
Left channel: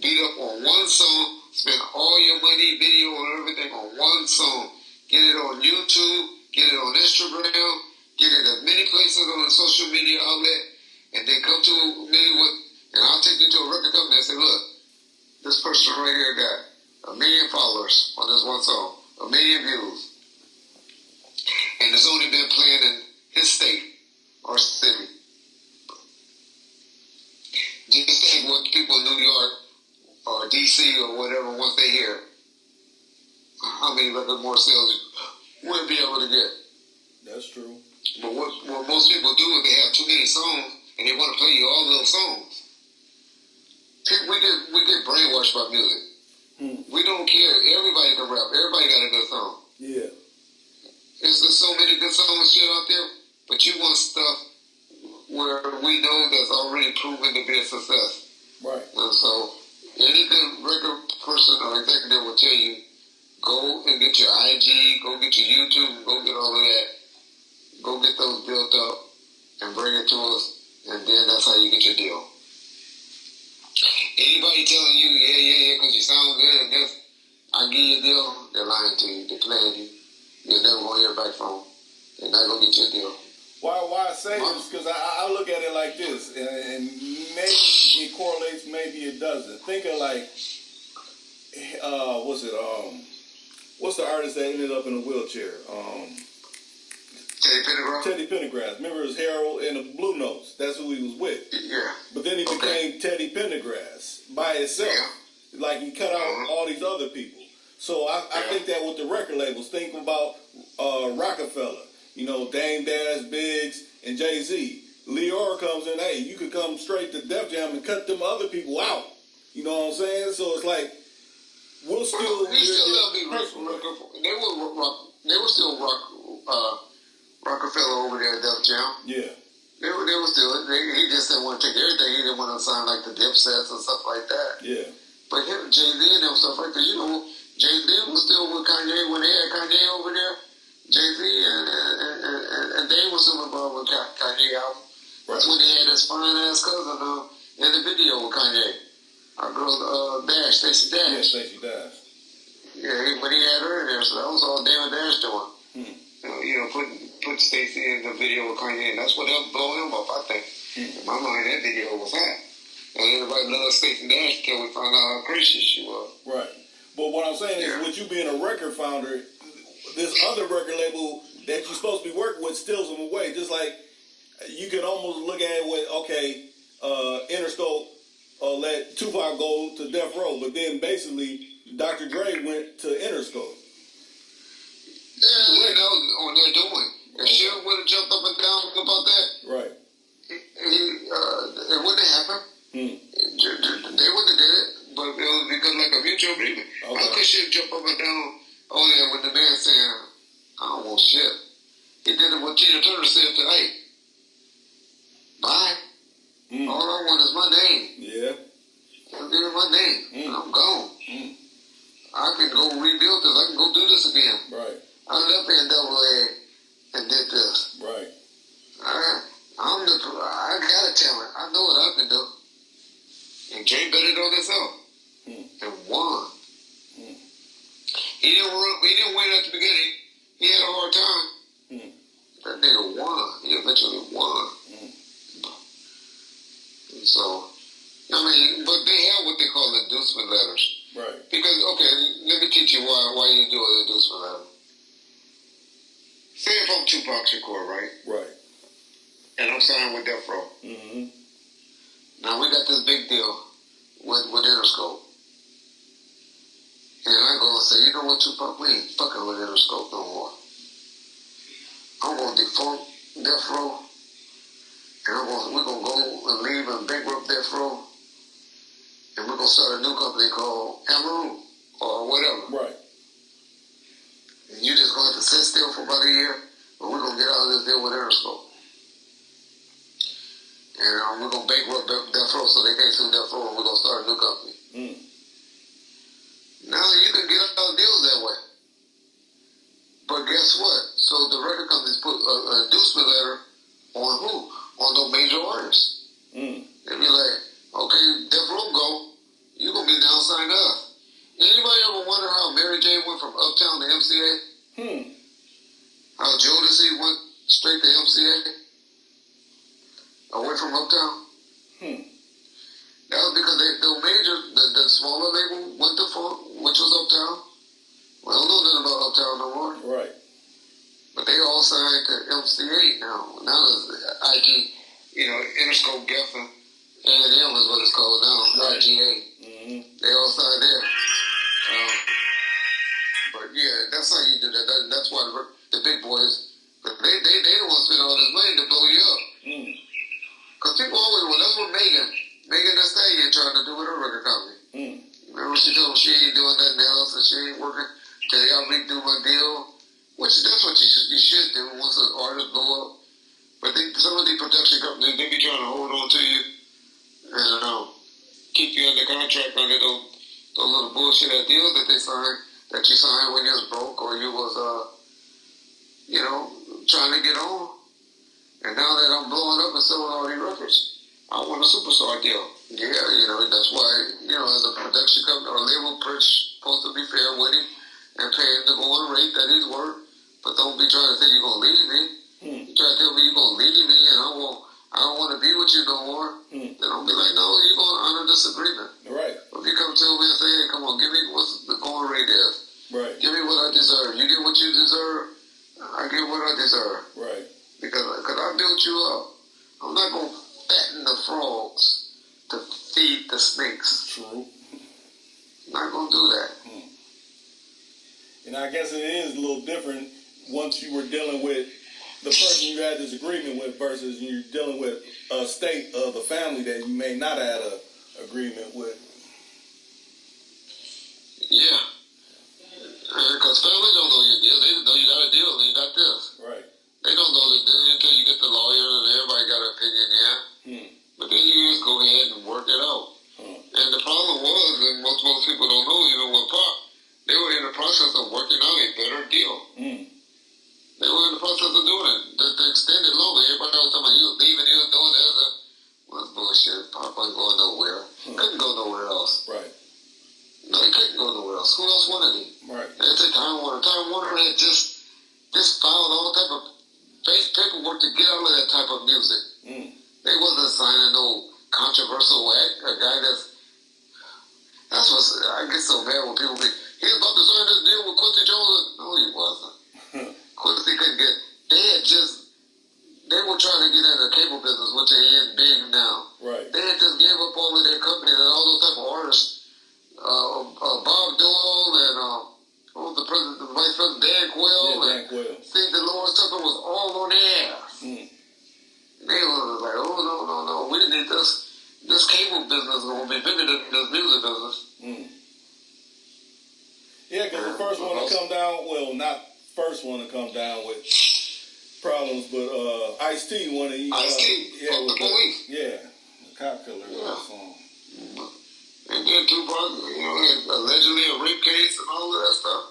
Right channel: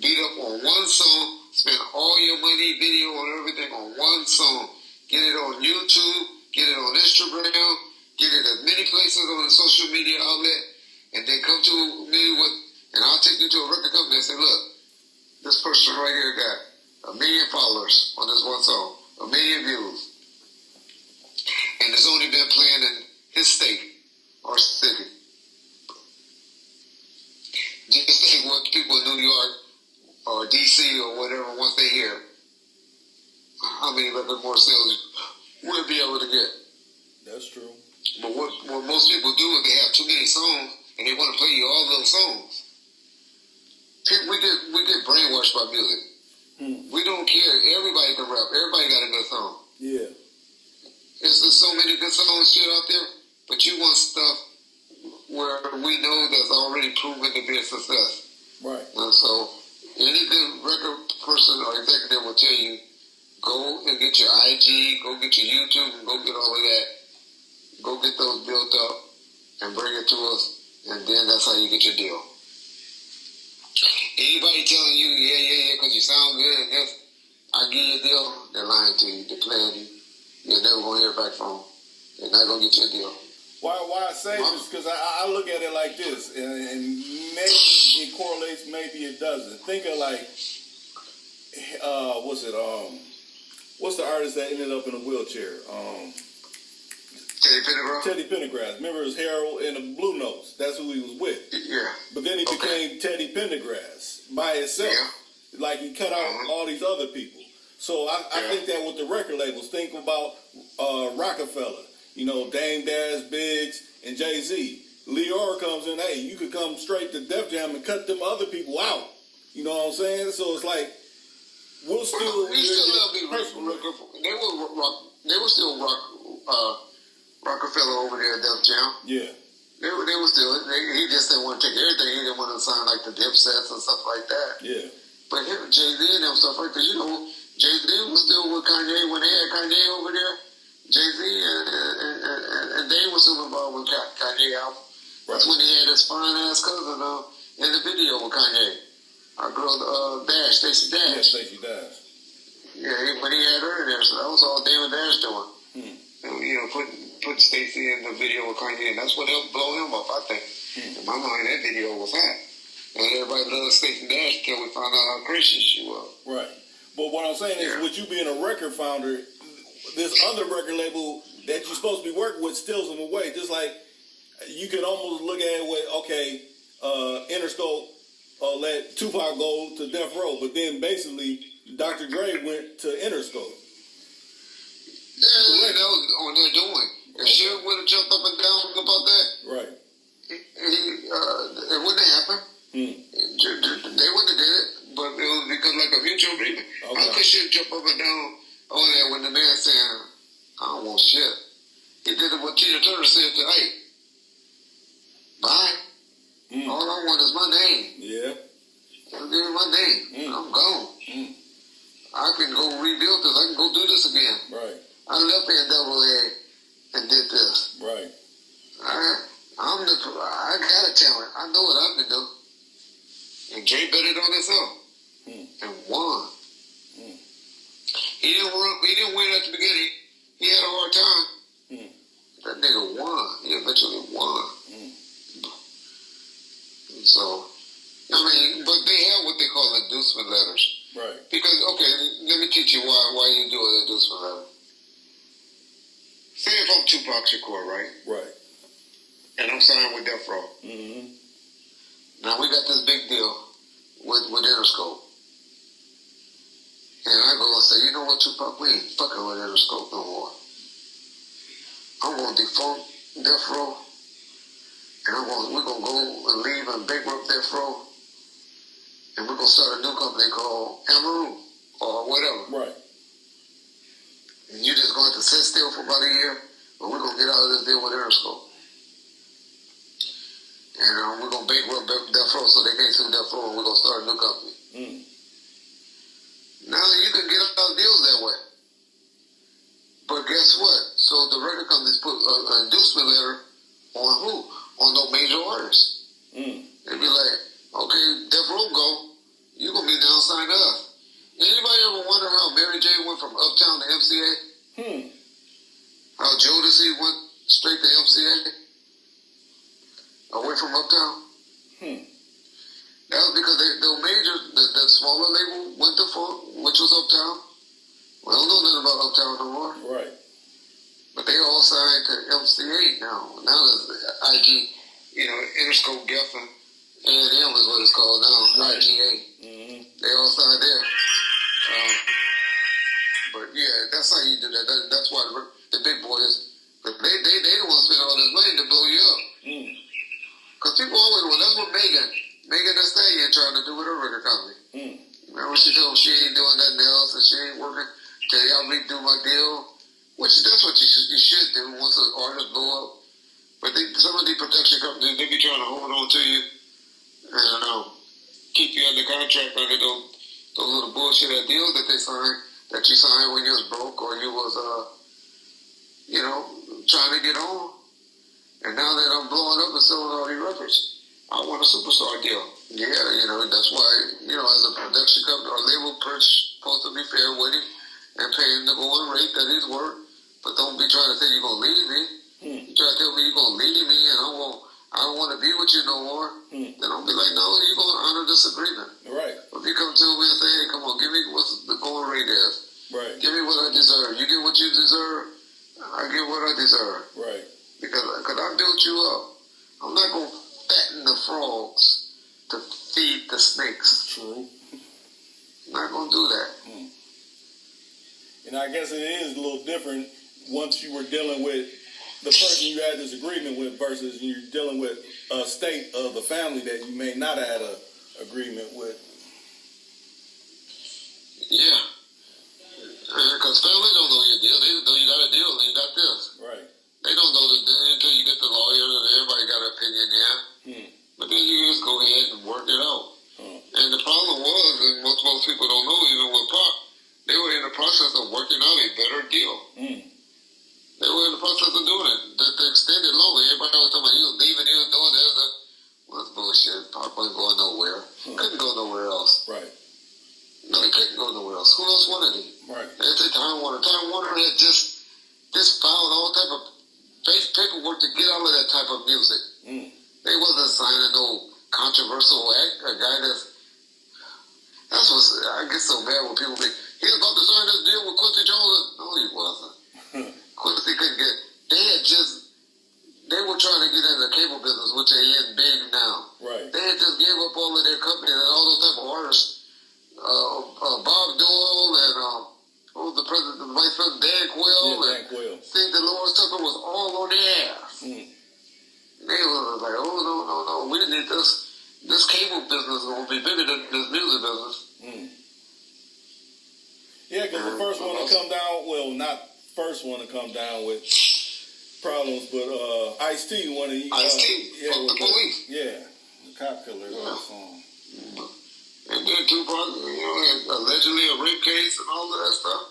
beat up on one song, spend all your money, video, and everything on one song. Get it on YouTube, get it on Instagram, get it as many places on the social media outlet, and then come to me and I'll take you to a record company and say, look, this person right here got 1 million followers on this one song, 1 million views. And it's only been playing in his state or city. Just think what people in New York or DC or whatever, once they hear, how many record more sales we'll be able to get. That's true. But what most people do is they have too many songs and they want to play you all those songs. We get brainwashed by music. We don't care. Everybody can rap. Everybody got a good song. Yeah. There's so many good songs shit out there, but you want stuff where we know that's already proven to be a success. Right. And so any good record person or executive will tell you, go and get your IG, go get your YouTube, and go get all of that. Go get those built up and bring it to us, and then that's how you get your deal. Anybody telling you, yeah, because you sound good and this, I'll give you a deal, they're lying to you, they're playing you. You're never going to hear back from them. They're not going to get you a deal. Why I say this, because I look at it like this, and maybe it correlates, maybe it doesn't. Think of like, what's the artist that ended up in a wheelchair? Teddy Pendergrass? Teddy Pendergrass. Remember his Harold in the Blue Notes? That's who he was with. Yeah. But then he became Teddy Pendergrass by himself. Yeah. Like he cut out all these other people. So I think that with the record labels, think about Rockefeller, Dame Dash, Biggs, and Jay-Z. Leora comes in, hey, you could come straight to Def Jam and cut them other people out. You know what I'm saying? So it's like, we'll still... They were still Rockefeller over there at Def Jam. Yeah. They were still... he just didn't want to take everything. He didn't want to sign like the Dipsets and stuff like that. Yeah. But Jay-Z and them stuff, right? Because, Jay-Z was still with Kanye when they had Kanye over there. Jay-Z and Dave was still involved with Kanye album. That's when he had his fine-ass cousin in the video with Kanye. Our girl, Dash, Stacey Dash. Yeah, Stacey Dash. Yeah, when he had her in there, so that was all Dave and Dash doing. Putting Stacey in the video with Kanye, and that's what helped blow him up, I think. In my mind, that video was hot. And everybody loved Stacey Dash until we found out how crazy she was. Right. But what I'm saying is, with you being a record founder, this other record label that you're supposed to be working with steals them away. Just like you could almost look at it with, Interscope let Tupac go to Death Row, but then basically Dr. Dre went to Interscope. Yeah, that was on their doing. If Suge would have jumped up and down about that, right, it wouldn't have happened. They wouldn't have did it, but it was because like a mutual agreement. Okay. How could Suge jump up and down on there when the man saying, I don't want shit? He did it what Tina Turner said to Ike. Bye. All I want is my name. Yeah. Just give me my name. I'm gone. I can go rebuild this. I can go do this again. Right. I left NAA and did this. Right. I got a talent. I know what I can do. And Jay bet it on himself and won. He didn't win at the beginning. He had a hard time. That nigga won. He eventually won. And so, but they have what they call inducement letters. Right. Because, let me teach you why you do an inducement letter. Say if I'm Tupac Shakur, right? Right. And I'm signed with Death Row. Now we got this big deal with Interscope. And I go and say, you know what, Tupac, we ain't fucking with Interscope no more. I'm going to defunct Death Row. And we're going to go and leave and bankrupt Death Row. And we're going to start a new company called Amaru or whatever. Right. And you're just going to have to sit still for about a year, but we're going to get out of this deal with Interscope. And we're going to bankrupt Death Row so they can't sue Death Row, and we're going to start a new company. Now you can get out deals that way. But guess what? So the record companies put an inducement letter on who? On those major artists. They'd be like, okay, Death Row go. You're going to be now signed to us. Anybody ever wonder how Mary J went from Uptown to MCA? How Jodeci went straight to MCA? Away from Uptown? That was because the major, the smaller label went to Funk, which was Uptown. We don't know nothing about Uptown no more. Right. But they all signed to MCA now. Now there's IG, Interscope Geffen. A&M is what it's called now. Right. IGA. They all signed there. But yeah, that's how you do that. That's why the big boys, they don't want to spend all this money to blow you up. Because people always, that's what Megan Thee Stallion trying to do with her record company. Remember she told me she ain't doing nothing else and she ain't working till y'all redo my deal? Which that's what you should do once an artist blow up. But some of the production companies, they be trying to hold on to you and keep you under contract under those little bullshit deals that they signed, that you signed when you was broke or you was, trying to get on. And now that I'm blowing up and selling all these records, I want a superstar deal. Yeah, that's why, as a production company or label supposed to be fair with him and pay him the going rate that he's worth. But don't be trying to say you're going to leave me. You try to tell me you're going to leave me and I don't want to be with you no more. Then I'll be like, no, you're going to honor this agreement. Right. If you come to me and say, hey, come on, give me what the going rate is. Right. Give me what I deserve. You get what you deserve, I get what I deserve. Right. Because I built you up. I'm not going to fatten the frogs to feed the snakes. True. I'm not going to do that. And I guess it is a little different once you were dealing with the person you had this agreement with versus you're dealing with a state of the family that you may not have had an agreement with. Yeah. Because family don't know your deal. They just know you got a deal and you got this. Right. They don't know until you get the lawyer and everybody got an opinion, yeah. But then you just go ahead and work it out. And the problem was, and most people don't know, even with Pop, they were in the process of working out a better deal. They were in the process of doing it. The extended longer. Everybody was talking about he was leaving, he was doing this. Well, that's bullshit. Pop wasn't going nowhere. Couldn't go nowhere else. Right. No, he couldn't go nowhere else. Who else wanted him? Right. They said Time Warner. Time Warner had just filed all type of paperwork to get out of that type of music. They wasn't signing no controversial act. A guy that's what I get so mad when people think he was about to sign this deal with Quincy Jones. No, he wasn't. Quincy couldn't get. They were trying to get into the cable business, which they in big now. Right. They had just gave up all of their companies and all those type of artists. Bob Dole and what was the vice president, Dan Quayle. Yeah, Dan Quayle. See, Dolores Tucker was all on their ass. They was like, oh no, we need this. This cable business is going to be bigger than this music business. Yeah, because the first one to come down, well, not first one to come down with problems, but Ice-T, one of you. Ice-T, fuck the police. The cop killer song. And then Tupac, had allegedly a rape case and all of that stuff.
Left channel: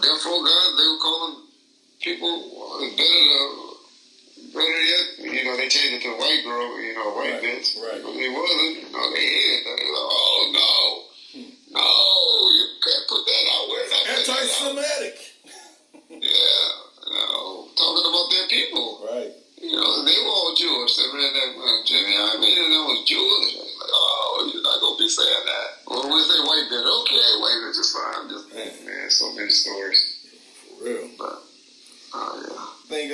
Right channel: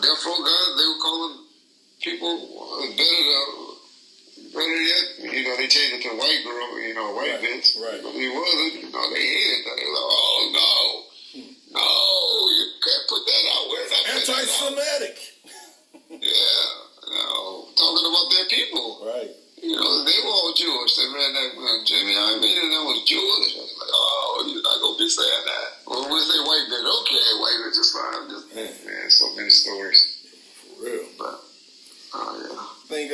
Death Row guys, they would call them people better yet. They changed it to white girl, white bitch. Right. But it wasn't. They hated that. They were like, oh no, no, you can't put that out. Where's that? Anti-Semitic. Talking about their people. Right. They were all Jewish. They ran that Jimmy Iovine and that was Jewish. I was like, oh, you're not gonna be saying that. Well, we say white bitch, okay, white bitch is fine. Man, so many stories. For real. But I think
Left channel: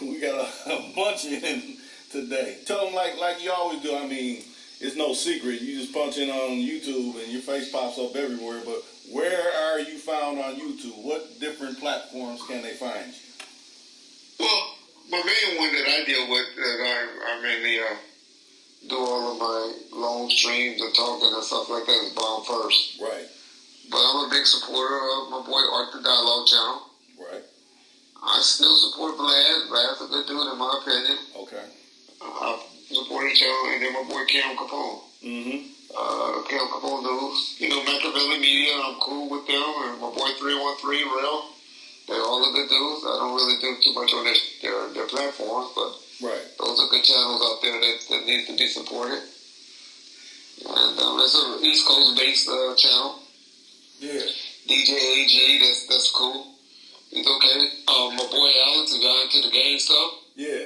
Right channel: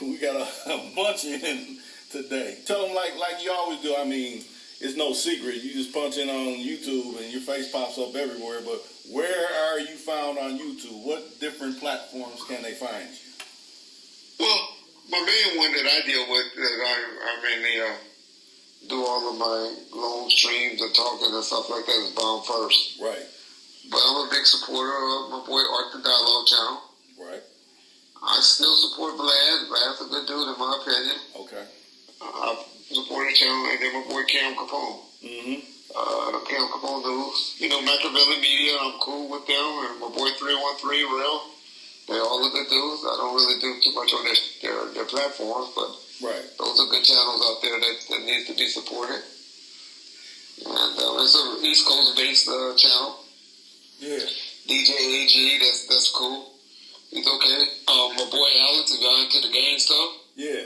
we got a bunch in today. Tell them like you always do. I mean, it's no secret. You just punch in on YouTube and your face pops up everywhere. But where are you found on YouTube? What different platforms can they find you? Well, my main one that I deal with, that I mainly do all of my long streams and talking and stuff like that, is Bomb First. Right. But I'm a big supporter of my boy Art the Dialogue channel. Right. I still support Vlad. Vlad's a good dude in my opinion. Okay. I support the channel, and then my boy Cam Capone. the Cam Capone News. You know, Machiavelli Media, I'm cool with them. And my boy 313 Real. They're all the good dudes. I don't really do too much on their platforms, but those are good channels out there that need to be supported. And it's an East Coast based channel. Yeah. DJ AG, that's cool. He's okay. My boy Alex, who got into the game stuff. Yeah.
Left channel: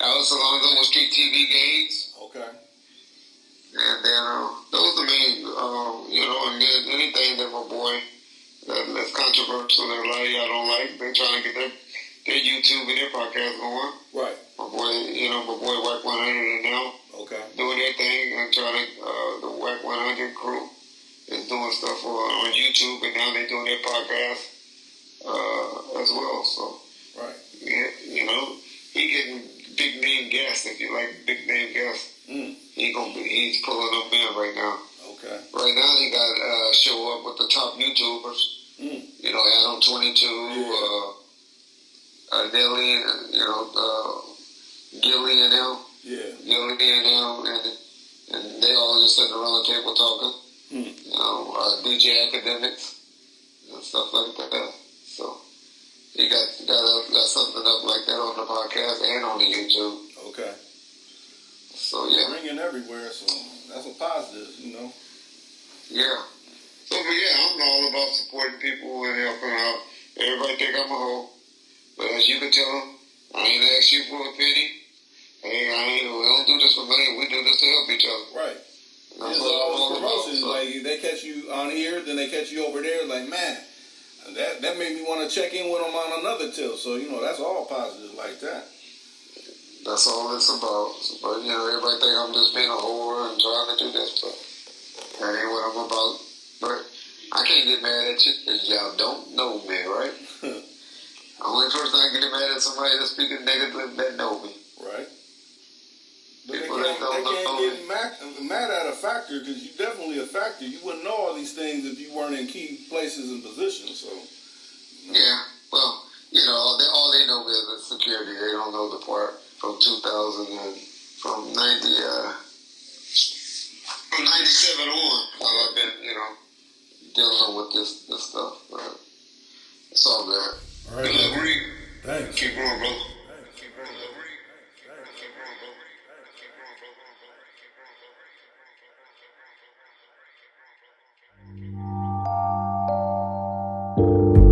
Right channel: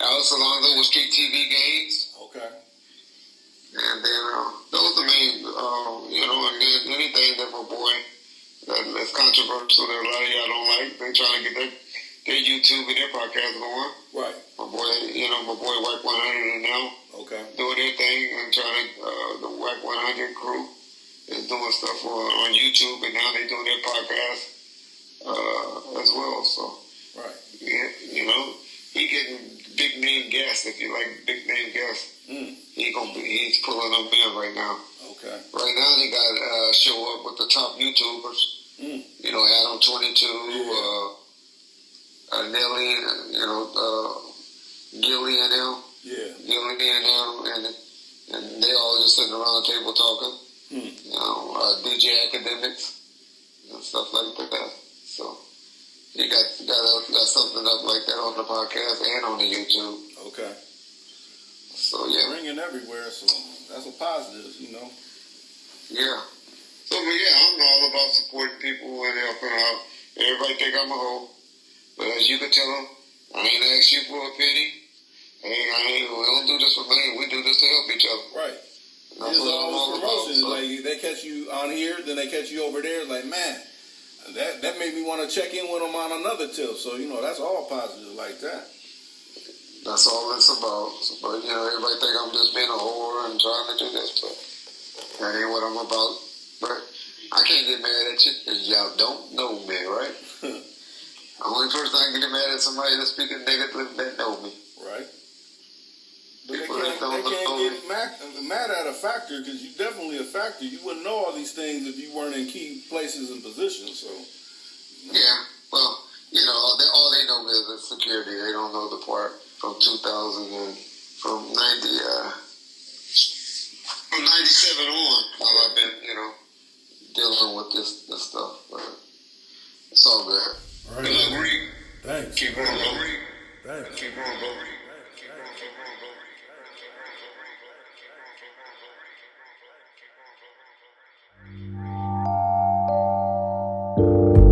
Alex Alonso with Street TV Games. Okay. And then those are the main, and then anything that my boy that's controversial that a lot of y'all don't like, they trying to get their YouTube and their podcast going. Right. My boy Whack 100 and now doing their thing and trying to, the Whack 100 crew is doing stuff on YouTube and now they're doing their podcast as well. So, yeah, he getting big name guests. If you like big name guests, he's pulling them in right now. Okay. Right now they got show up with the top YouTubers. You know, Adam 22, Nelly, Gilly and them. Yeah. Gilly and them, and they all just sitting around the table talking. You know, DJ Academics and stuff like that. So he got something up like that on the podcast and on the YouTube. Okay. So yeah, ringing everywhere. So that's a positive, you know. Yeah. So but yeah, I'm all about supporting people and helping out. Everybody think I'm a hoe, but as you can tell them, I ain't asked you for a penny. We don't do this for money. We do this to help each other. Right. That's There's what I'm always all promotions. about. So. Like they catch you on here, then they catch you over there. Like, man, that made me want to check in with them on another tip. So you know, that's all positive like that. That's all it's about. But you know, everybody think I'm just being a whore and trying to do this, but that ain't what I'm about. But I can't get mad at you because y'all don't know me, right? The only person I can get mad at somebody that's speaking negatively that know me. Right. But People they can't get mad at a factor because you're definitely a factor. You wouldn't know all these things if you weren't in key places and positions. So. Yeah. Well, you know, all they know is the security. They don't know the part from 2000 and from 97 on. How I've been, dealing with this stuff. But it's all good. All right. Good luck, Reek. Thanks. Keep going, bro. Thanks. Keep going, bro. You